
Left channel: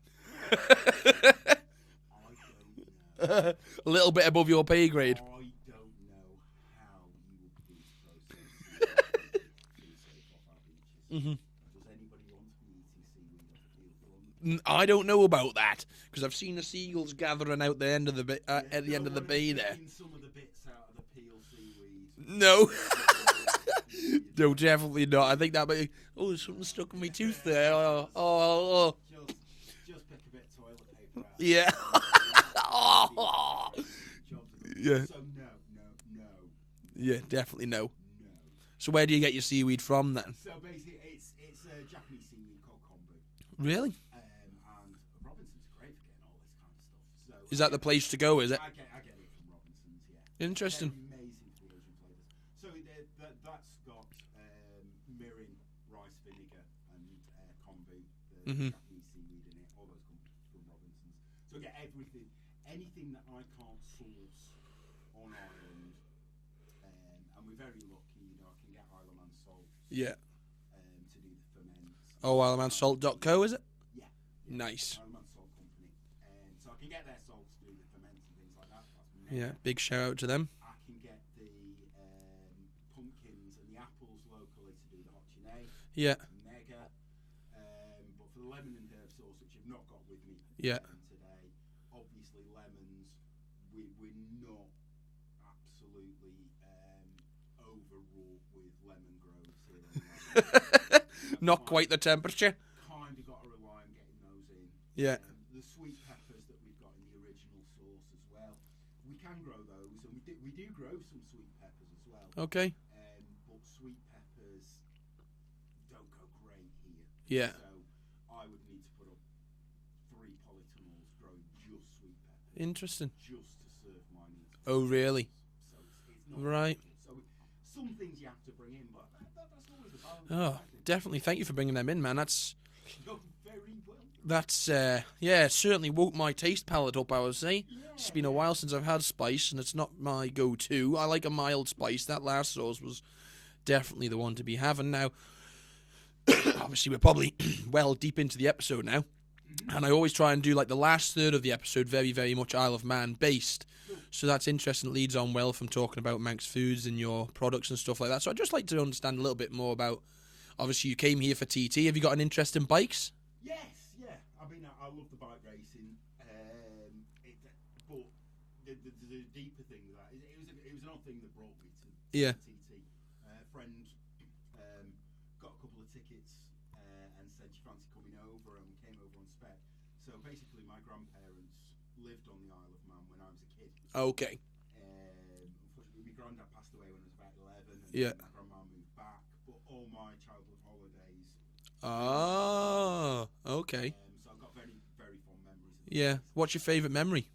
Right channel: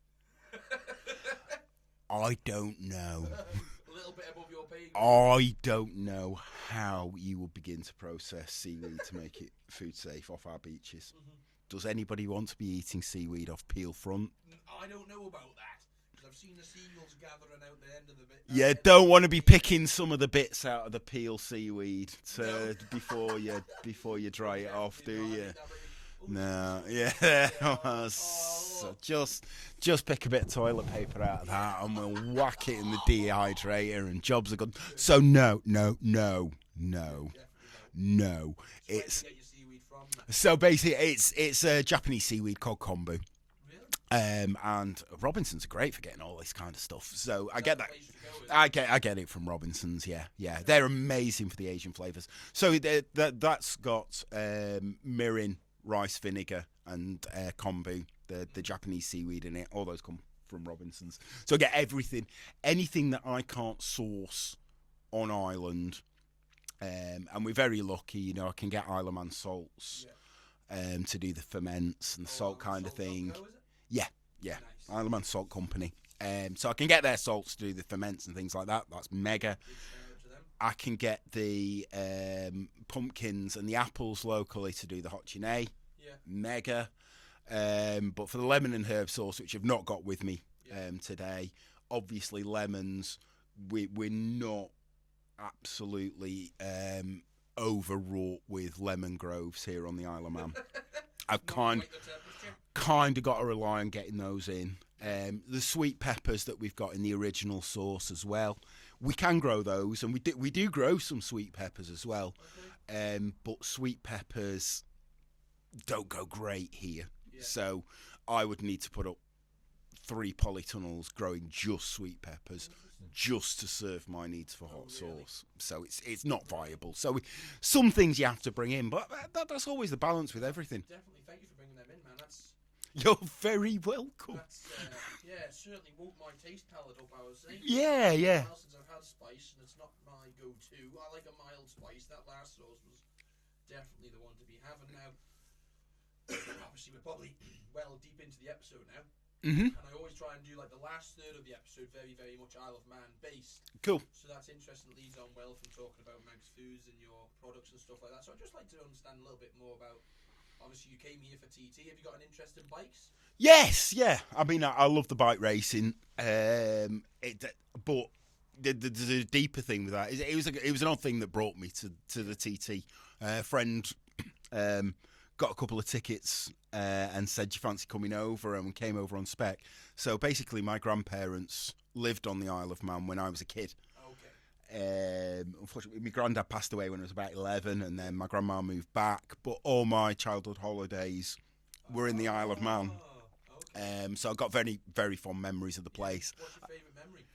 I don't know. A little bit above your pay grade. I don't know how you would begin to process seaweed to make it food safe off our beaches. Does anybody want to be eating seaweed off Peel Front? I don't know about that because I've seen the seagulls gathering out the end of the bit. Don't want to be picking some of the bits out of the peel seaweed. No, before you dry no, definitely not. I think that might. Oh, something stuck in your teeth there. Just pick a bit of toilet paper out. Yeah, and we'll whack it in the dehydrator, and jobs are good. Yeah. So no. Yeah, definitely no. No. So where do you get your seaweed from then? So basically, it's a Japanese seaweed called kombu. Really? And Robinsons are great for getting all this kind of stuff. So Is that the place to go? Is it? I get it from Robinsons. Yeah, Interesting. They're amazing for the Asian flavors. So that's got mirin, rice vinegar, and kombu, the Japanese seaweed in it. All those come from Robinsons. So I get anything that I can't source on island. And we're very lucky, you know. I can get Isle of Man salts. Yeah. To do the ferments. And IsleManSalt.co, is it? Yeah. Nice. Isle of Man Salt Company. So I can get their salts to do the ferments and things like that. That's mega. Yeah, big shout out to them. I can get the pumpkins and the apples locally to do the hot chine. Yeah. Mega. But for the lemon and herb sauce, which I've not got with me today, obviously lemons, we're not absolutely overwrought with lemon groves here on the Isle of Man. Not quite the temperature. Kind of got to rely on getting those in. Yeah. The sweet peppers that we've got in the original sauce as well. We can grow those, and we do grow some sweet peppers as well. Okay. But sweet peppers don't go great here. Yeah. So I would need to put up 3 polytunnels growing just sweet peppers. Interesting. Just to serve my needs for. Oh, really? Sauce. So it's not Right. viable. So some things you have to bring in, but that's always the balance with everything. Definitely. Thank you for bringing them in, man. You're very welcome. That's certainly woke my taste palate up, I would say. Yeah, It's been a while since I've had spice, and it's not my go-to. I like a mild spice. That last sauce was definitely the one to be having. Now, obviously, we're probably well deep into the episode now. Mm-hmm. And I always try and do like the last third of the episode very, very much Isle of Man based. Cool. So that's interesting. It leads on well from talking about Manx Foods and your products and stuff like that. So I'd just like to understand a little bit more about, obviously you came here for TT. Have you got an interest in bikes? Yes, yeah. I mean, I love the bike racing. But the deeper thing with that is it was an odd thing that brought me to the TT. A friend got a couple of tickets and said, "Do you fancy coming over?" And we came over on spec. So basically, my grandparents lived on the Isle of Man when I was a kid. Okay. Unfortunately, my granddad passed away when I was about 11, and then my grandma moved back. But all my childhood holidays were in the Isle of Man. Okay. So I've got very, very fond memories of the place. What's your favourite memory?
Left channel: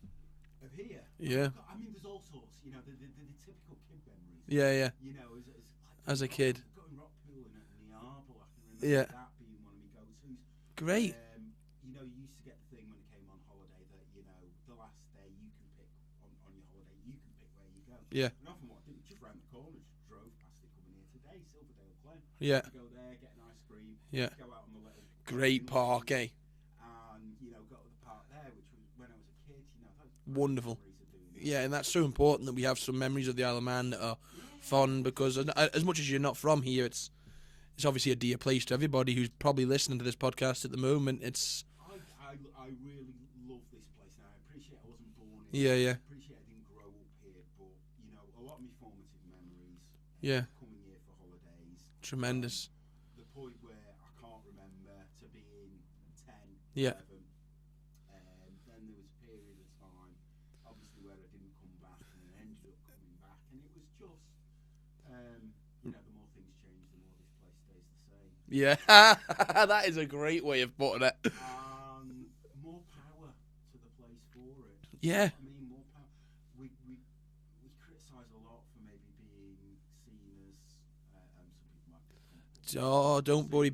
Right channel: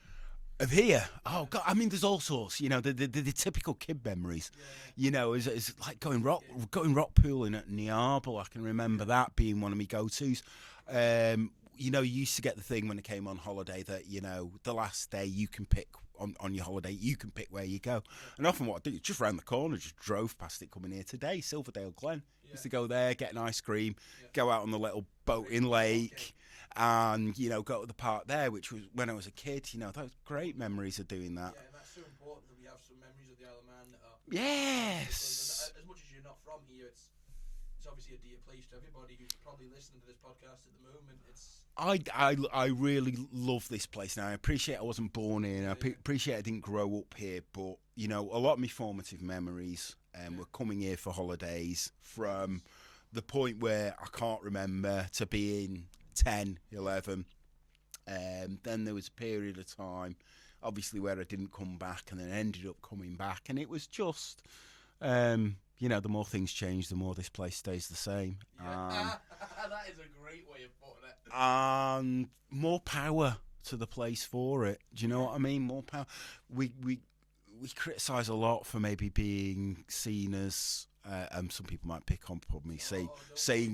Of here? Yeah. Oh, God, I mean, there's all sorts. You know, the typical kid memories. Yeah. You know, it's like As a kid. going rock pooling at Niarble. I can remember that being one of my go-tos. Great. You know, you used to get the thing when I came on holiday that, you know, the last day you can pick on your holiday, you can pick where you go. Yeah. And often what I did, just round the corner, just drove past it coming here today, Silverdale Glen. Yeah. Used to go there, get an ice cream, go out on the little Great boating park, lake. And, you know, go to the park there, which was when I was a kid, you know, those great Wonderful memories of doing that. Yeah, and that's so important that we have some memories of the Isle of Man that are fun, because as much as you're not from here, it's obviously a dear place to everybody who's probably listening to this podcast at the moment. I really love this place now. I appreciate I wasn't born here. I appreciate I didn't grow up here, but, you know, a lot of my formative memories were coming here for holidays. Tremendous. From the point where I can't remember to being 10, 11. Then there was a period of time, obviously, where I didn't come back, and then ended up coming back, and it was just, you know, the more things change, the more this place stays the same. Yeah, that is a great way of putting it. And more power to the place for it. Do you know what I mean? More power. We criticise a lot for maybe being seen as. Some people might pick on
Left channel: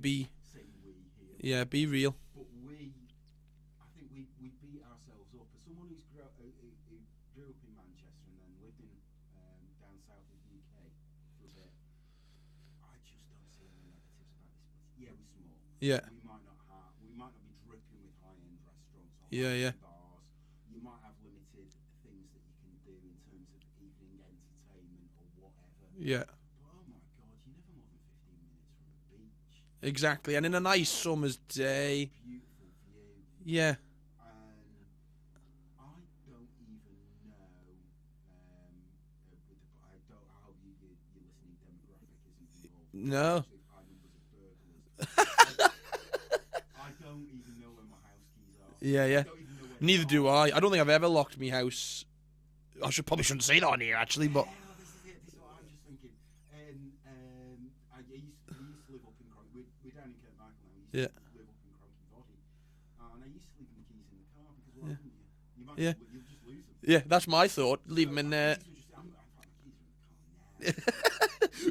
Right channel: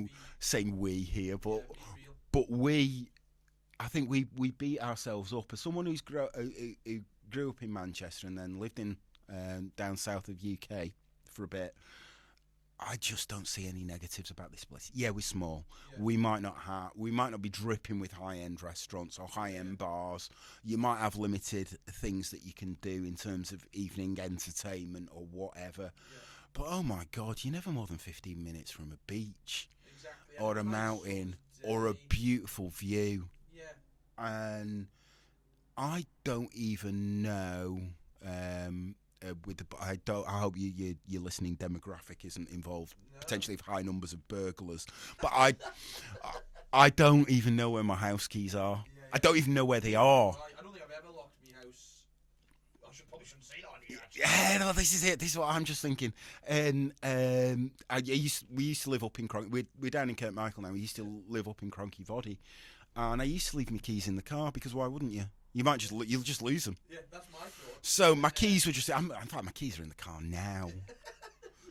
me saying we here. But, be real. But I think we beat ourselves up. As someone who grew up in Manchester and then lived in down south of UK for a bit, I just don't see any negatives about this place. Yeah, we're small. Yeah. We might not be dripping with high-end restaurants or high-end bars. You might have limited things that you can do in terms of evening entertainment or whatever. Yeah. But oh my God, you're never more than 15 minutes from a beach. Exactly, and in a nice summer's day. Or a beautiful view. Yeah. And I don't even know. I hope your listening demographic isn't involved. No. Potentially high numbers of burglars. But I don't even know where my house keys are. Yeah. I don't even know where they Neither are. do I. I don't think I've ever locked my house I probably shouldn't say that on here, actually. Yeah, no, this is it. This is what I'm just thinking. And we used to live up in Cronky. We're down in Kirkmichael now. We used to live up in Cronky Body, and I used to leave my keys in the car because why wouldn't you? You might just you'll just lose them. Yeah, that's my thought. So my keys were just. In fact, my keys are in the car now.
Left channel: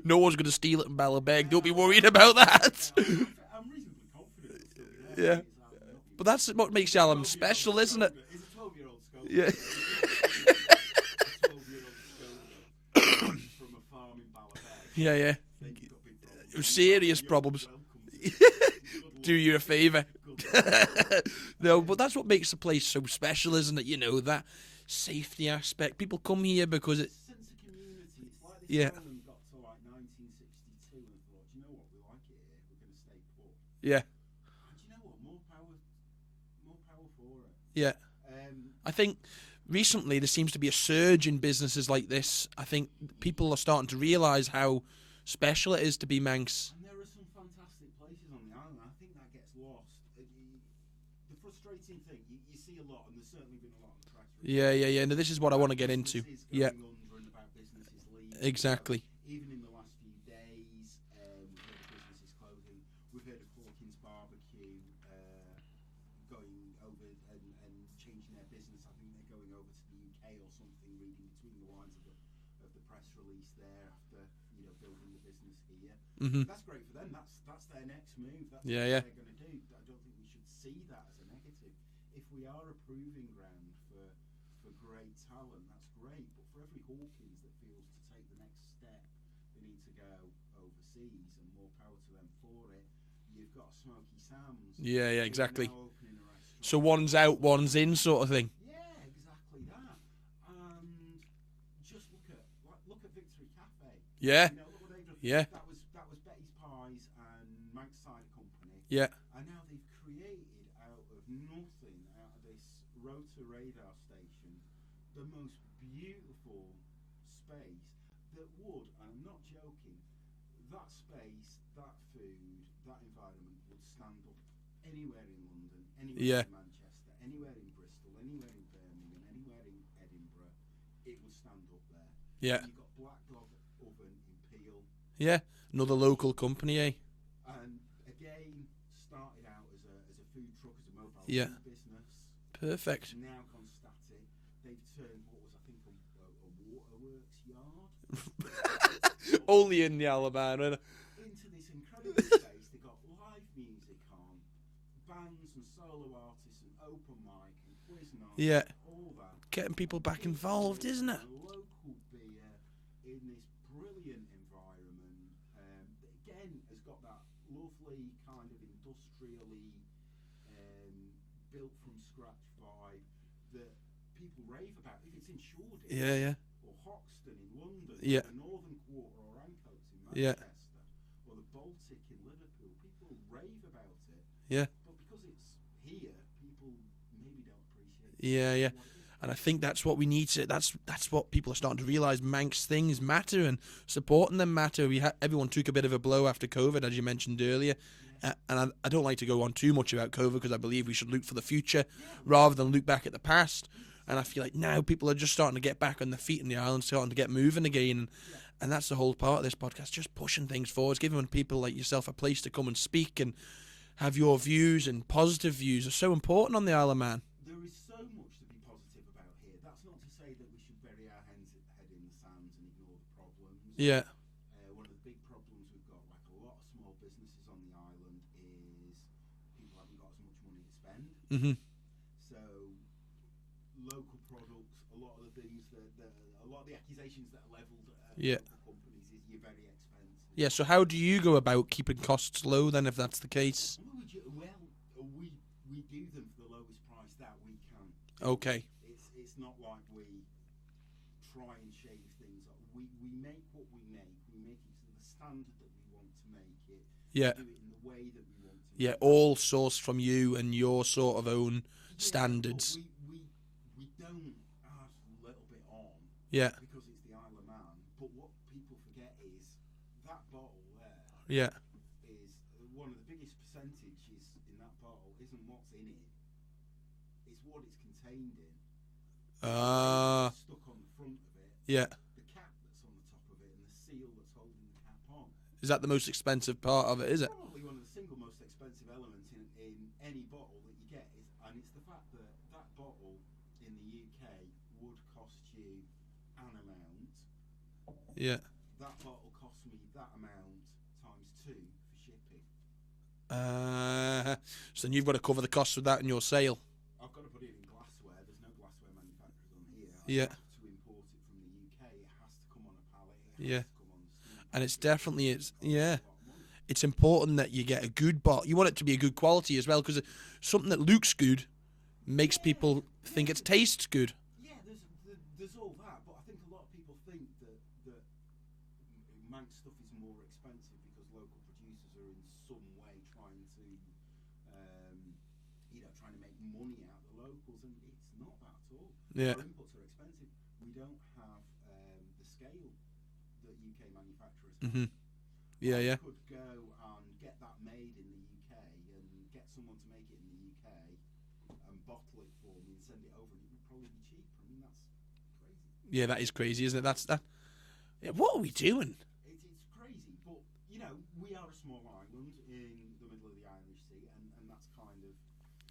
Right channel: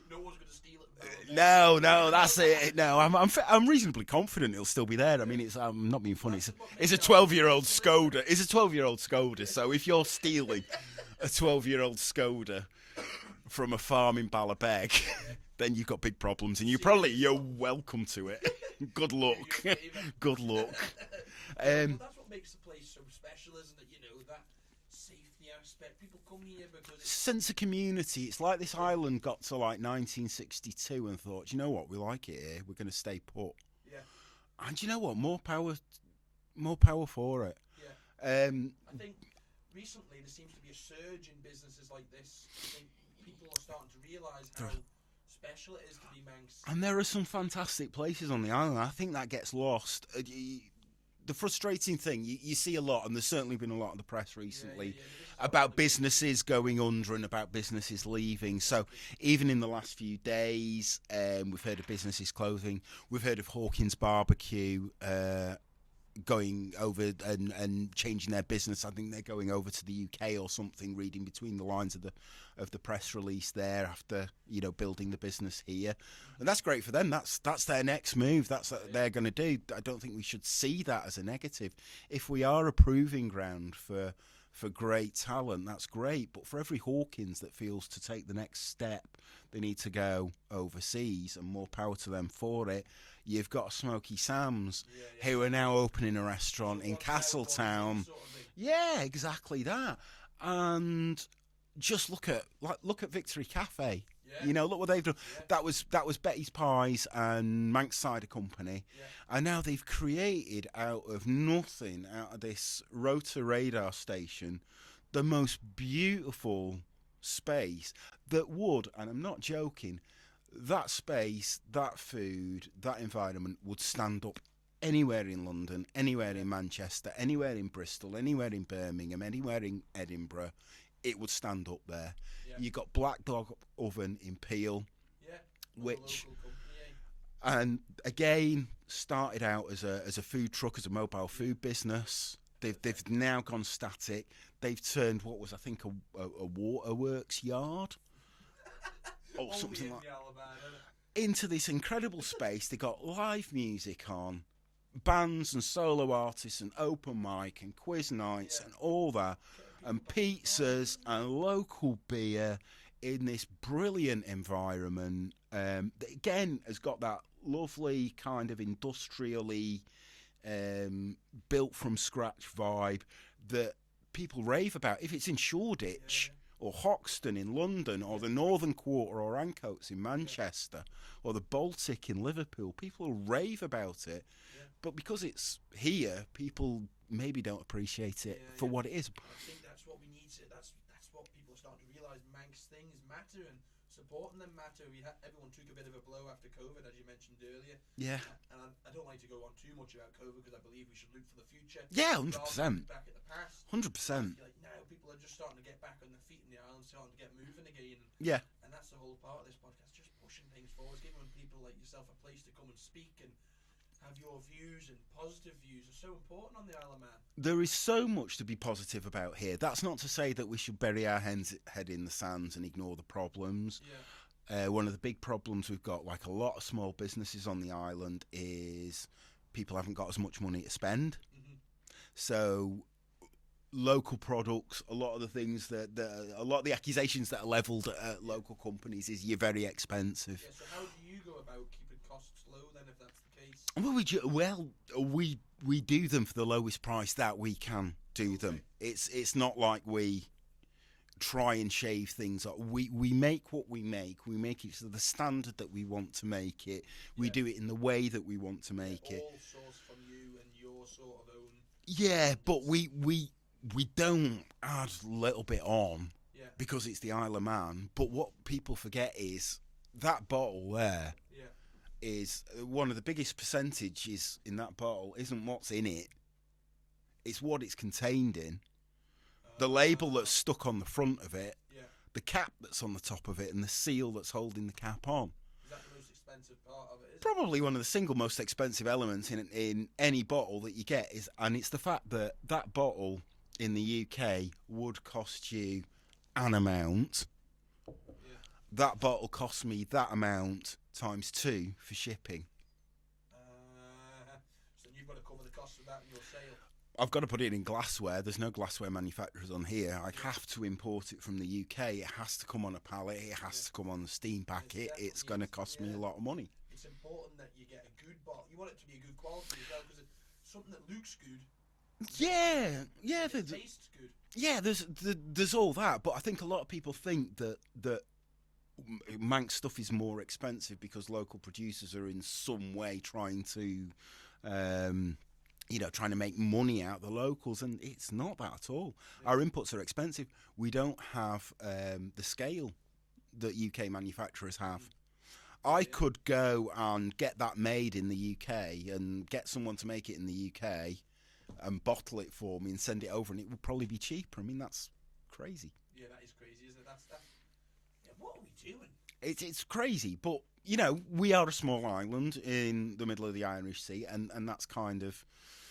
No one's going to steal it in Ballabeg. No, Don't be worried about that. It. No, I'm reasonably confident it'll still be there. Yeah. I mean, I'm not being funny. But that's what makes it's a 12-year-old special, Skoda. It's a 12-year-old Skoda. Yeah. So if you're stealing a 12-year-old Skoda from a farm in Ballabeg, then you've got big problems, and you're welcome to it. Good luck. Do you a favour. Good luck. No, but that's what makes the place so special, isn't it? You know, that safety aspect. People come here because it's sense of community. It's like this island got to like 1962 and thought, you know what, we like it here. We're going to stay put. Yeah. And you know what, more power for it. Yeah. I think recently there seems to be a surge in businesses like this. I think people are starting to realise how special it is to be Manx. And there are some fantastic places on the island. I think that gets lost. The frustrating thing, you see a lot, and there's certainly been a lot in the press recently. Yeah. No, this is what I want to get into. About businesses going under and about businesses leaving. Exactly. So even in the last few days, we've heard of businesses closing. We've heard of Hawkins Barbecue going over and changing their business. I think they're going over to the UK or something, reading between the lines of the press release there after, building the business here. Mm-hmm. And that's great for them. That's their next move. That's what they're going to do. I don't think we should see that as a negative. If we are a proving ground for great talent, that's great. But for every Hawkins that feels to take the next step, they need to go overseas, and more power to them for it. You've got Smoky Sam's, who are now opening a restaurant. So one's out, one's in, sort of thing. Yeah, exactly that. And just look at Victory Cafe. Yeah, look what they've done. Yeah, that was Betty's Pies and Manx Cider Company. Yeah, and now they've created out of nothing, out of this rotor radar station, the most beautiful space that would, and I'm not joking, that space, that food, that environment would stand up anywhere in London, anywhere in Manchester, anywhere in Bristol, anywhere in Birmingham, anywhere in Edinburgh. It would stand up there. Yeah. You've got Black Dog Oven in Peel. Yeah, another local company, eh? And again, started out as a food truck, as a mobile food business. They've now gone static. They've turned what was, I think, a waterworks yard. Only in the Alabama. Into this incredible space. They got live music on, bands and solo artists and open mic and quiz nights and all that. Getting people and back pizzas involved, isn't it? And local beer in this brilliant environment. That again has got that lovely kind of industrially built from scratch vibe that people rave about. If it's in Shoreditch or Hoxton in London or the Northern Quarter or Ancoats in Manchester or the Baltic in Liverpool, people rave about it. Yeah. But because it's here, people maybe don't appreciate it for what it is. And I think that's what we need to. That's what people are starting to realise. Manx things matter, and supporting them matter. Everyone took a bit of a blow after COVID, as you mentioned earlier. Yeah. And I don't like to go on too much about COVID because I believe we should look for the future, 100%. rather than look back at the past. 100%. And I feel like now people are just starting to get back on their feet in the island, starting to get moving again. Yeah. And that's the whole part of this podcast, just pushing things forward, giving people like yourself a place to come and speak and have your views, and positive views are so important on the Isle of Man. There is so much to be positive about here. That's not to say that we should bury our head in the sands and ignore the problems. Yeah. One of the big problems we've got, like a lot of small businesses on the island, is people haven't got as much money to spend. Mm-hmm. So local products, a lot of the things a lot of the accusations that are levelled at local companies is you're very expensive. Yeah, so how do you go about keeping costs low then, if that's the case? Well, we do them for the lowest price that we can do them. It's not like we try and shave things up. We make what we make. We make it to the standard that we want to make it. We do it in the way that we want to make it. All sourced from you and your sort of own standards. But we don't add a little bit on because it's the Isle of Man. But what people forget is that bottle there is one of the biggest percentages in that bottle isn't what's in it. It's what it's contained in. The label that's stuck on the front of it, Yeah. the cap that's on the top of it, and the seal that's holding the cap on. Is that the most expensive part of it, is it? Probably one of the single most expensive elements in any bottle that you get and it's the fact that that bottle in the UK would cost you an amount. Yeah. That bottle cost me that amount times 2 for shipping. So then you've got to cover the cost of that in your sale. I've got to put it in glassware. There's no glassware manufacturers on here. I have to import it from the UK. It has to come on a pallet. It has to come on the steam packet. And it's definitely going to cost me a lot of money. It's important that you get a good bottle. You want it to be a good quality as well, because something that looks good makes people think it tastes good. Yeah, there's all that, but I think a lot of people think that Manx stuff is more expensive because local producers are in some way trying to trying to make money out of the locals, and it's not that at all. Yeah. Our inputs are expensive. We don't have the scale that UK manufacturers have. Mm-hmm. I could go and get that made in the UK and get someone to make it in the UK and bottle it for me and send it over, and it would probably be cheaper. I mean, that's crazy. Yeah, that is crazy, isn't it? That's that. Yeah, what are we doing? It's crazy, but we are a small island in the middle of the Irish Sea, and that's kind of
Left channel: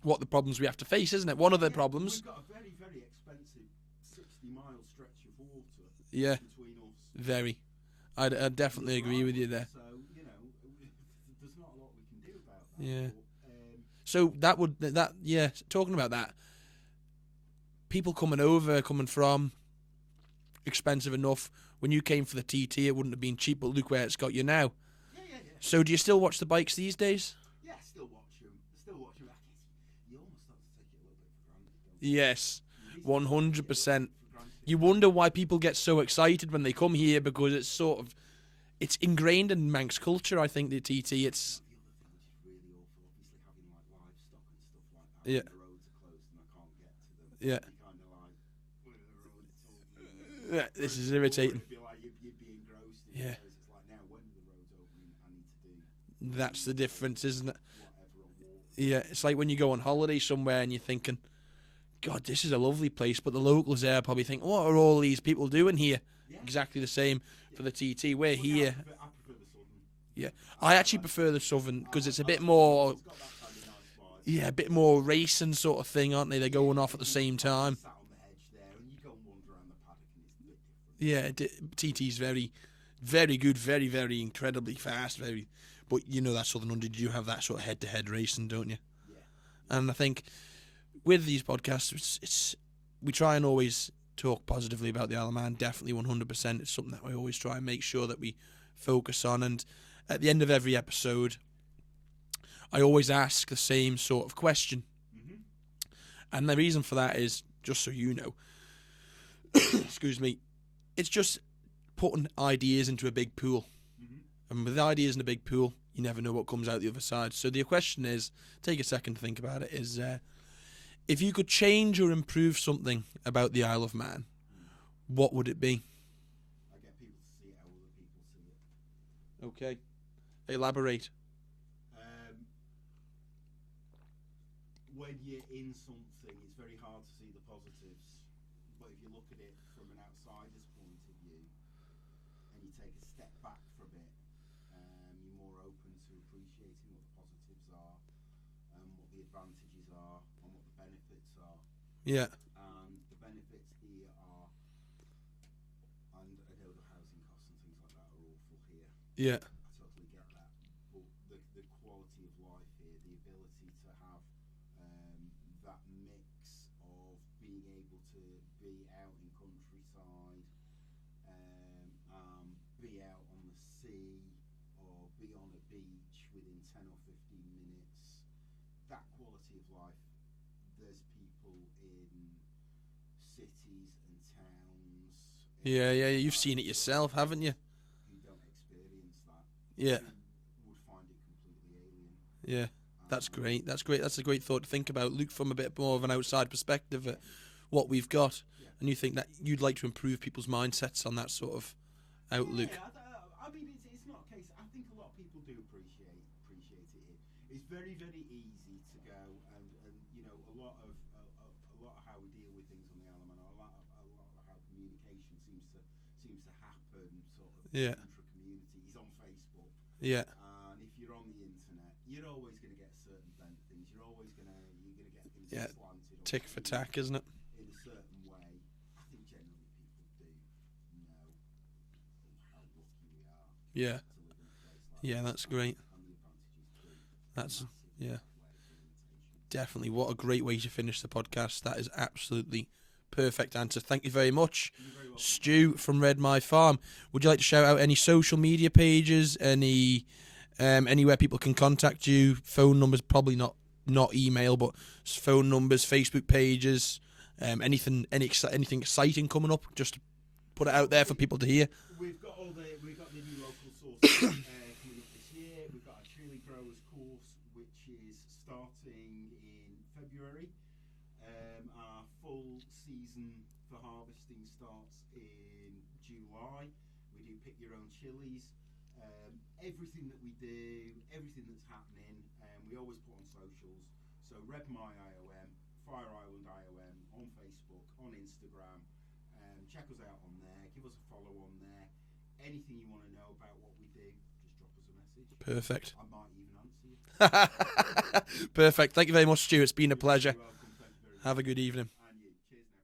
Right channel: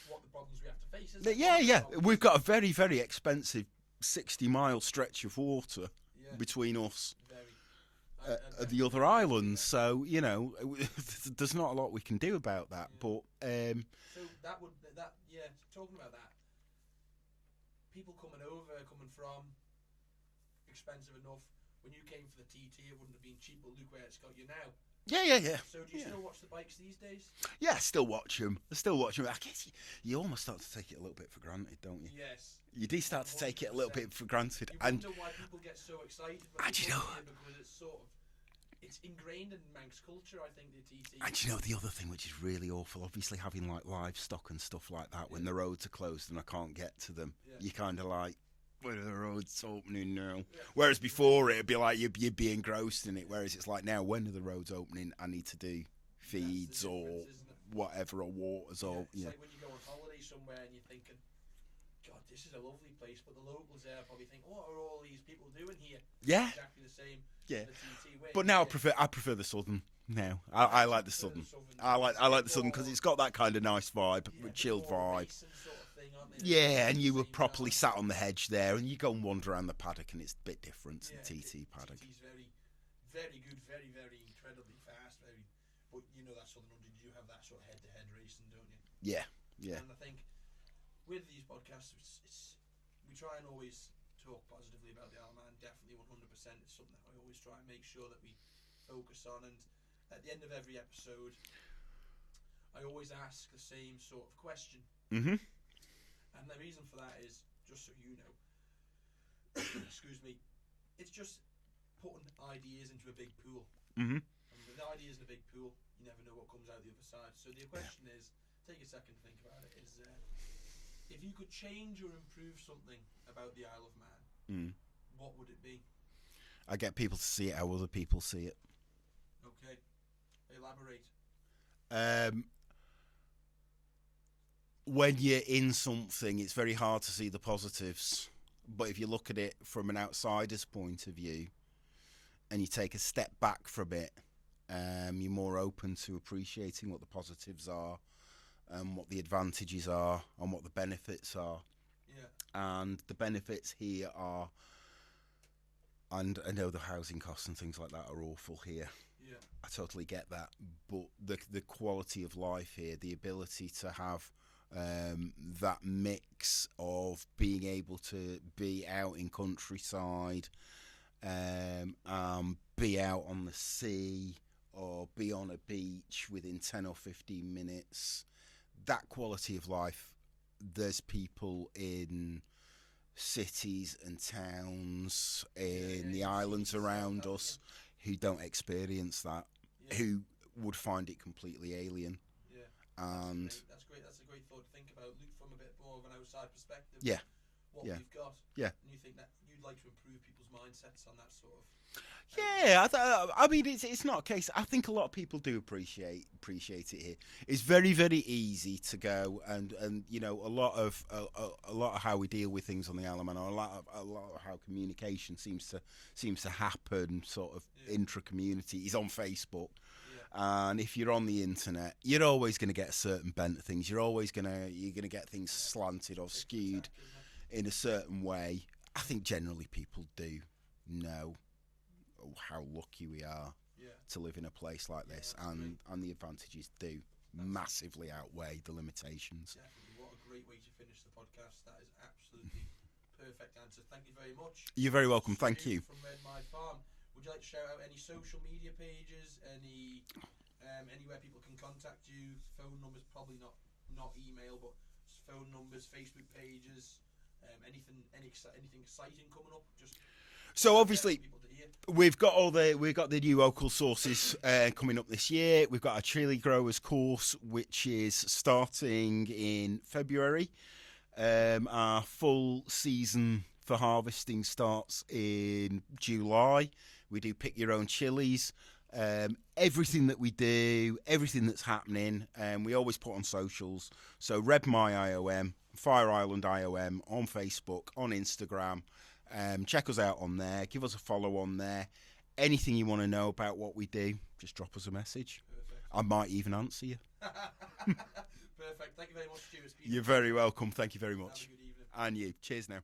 what the problems we have to face, isn't it? One of the problems. We've got a very, very expensive 60-mile stretch of water between us. Very. I definitely the other agree islands, with you there. So, there's not a lot we can do about that. Yeah. But so talking about that, people coming from, expensive enough. When you came for the TT, it wouldn't have been cheap, but look where it's got you now. Yeah. So do you still watch the bikes these days? Yeah, I still watch them. I guess you almost start to take it a little bit for granted, don't you? Yes. You do start 100%. To take it a little bit for granted. You wonder why people get so excited when they come here, because it's ingrained in Manx culture, I think, the TT. The other thing which is really awful, obviously having like livestock and stuff like that when the roads are closed and I can't get to them, you're kind of like, when are the roads opening now? Yeah, whereas before it'd be like you'd be engrossed in it. Yeah. Whereas it's like now, when are the roads opening? I need to do. That's the difference, isn't it? Whatever, or water. Yeah, it's like when you go on holiday somewhere and you're thinking, God, this is a lovely place, but the locals there probably think, what are all these people doing here? Yeah, exactly the same for the TT. But now I prefer the southern. No, I actually like prefer the southern because it's a bit more. It's got that kind of nice vibe. Yeah, a bit more racing sort of thing, aren't they? They're going off at the same time. You sat on the hedge there, and you go and wander around the paddock, and it's a bit different. Yeah, TT's very, very good, very, very incredibly fast. But that southern one, did you have that sort of head-to-head racing, don't you? Yeah. And I think with these podcasts, we try and always talk positively about the Isle of Man. Definitely 100%. It's something that we always try and make sure that we focus on. And at the end of every episode, I always ask the same sort of question. Mm-hmm. And the reason for that is, just so you know, excuse me, it's just putting ideas into a big pool. Mm-hmm. And with ideas in a big pool, you never know what comes out the other side. So the question is, take a second to think about it, is if you could change or improve something about the Isle of Man, what would it be? I get people to see it how other people see it. Okay. Elaborate. When you're in something, it's very hard to see the positives. But if you look at it from an outsider's point of view, and you take a step back from it, you're more open to appreciating what the positives are, what the advantages are, and what the benefits are. Yeah. And the benefits here are, and I know the housing costs and things like that are awful here. Yeah. I totally get that. But the quality of life here, the ability to have that mix of being able to be out in countryside, be out on the sea, or be on a beach within 10 or 15 minutes, that quality of life, there's people in cities and towns. You've seen it yourself, haven't you? Who don't experience that. Yeah. Who would find it completely alien. Yeah. That's great. That's a great thought to think about. Look from a bit more of an outside perspective. Yeah. What we've got. Yeah. And you think that you'd like to improve people's mindsets on that sort of outlet. Yeah, I mean, it's not a case. I think a lot of people do appreciate it here. It's very, very easy to go and you know, a lot of how we deal with things on the Isle of Man, or a lot of how communication seems to happen, sort of intra-community, is on Facebook. Yeah. And if you're on the internet, you're always going to get a certain bent of things. You're gonna get things slanted or tick skewed for tack, isn't it? in a certain way. I think generally people do know how lucky we are to live in a place like this. Yeah, that's great. And the advantages do massively outweigh the limitations. Definitely. What a great way to finish the podcast. That is absolutely perfect answer. Thank you very much. You're very welcome. Stu Thank you. from Red Mie Farm. Would you like to shout out any social media pages, anywhere people can contact you? Phone numbers, probably not email, but phone numbers, Facebook pages, anything exciting coming up? Just put it out there for people to hear. We've got the new local sources coming up this year. We've got our chili growers course, which is starting in February. Our full season for harvesting starts in July. We do pick your own chillies. Everything that we do, everything that's happening, we always put on socials. So Red Mie IOM, Fire Island IOM on Facebook, on Instagram. Check us out on there. Give us a follow on there. Anything you want to know about what we do, just drop us a message. Perfect. I might even answer you. Perfect. Thank you very much, Stu. It's been a pleasure. You're very welcome. Thank you very much. Have a good evening. And you. Cheers now.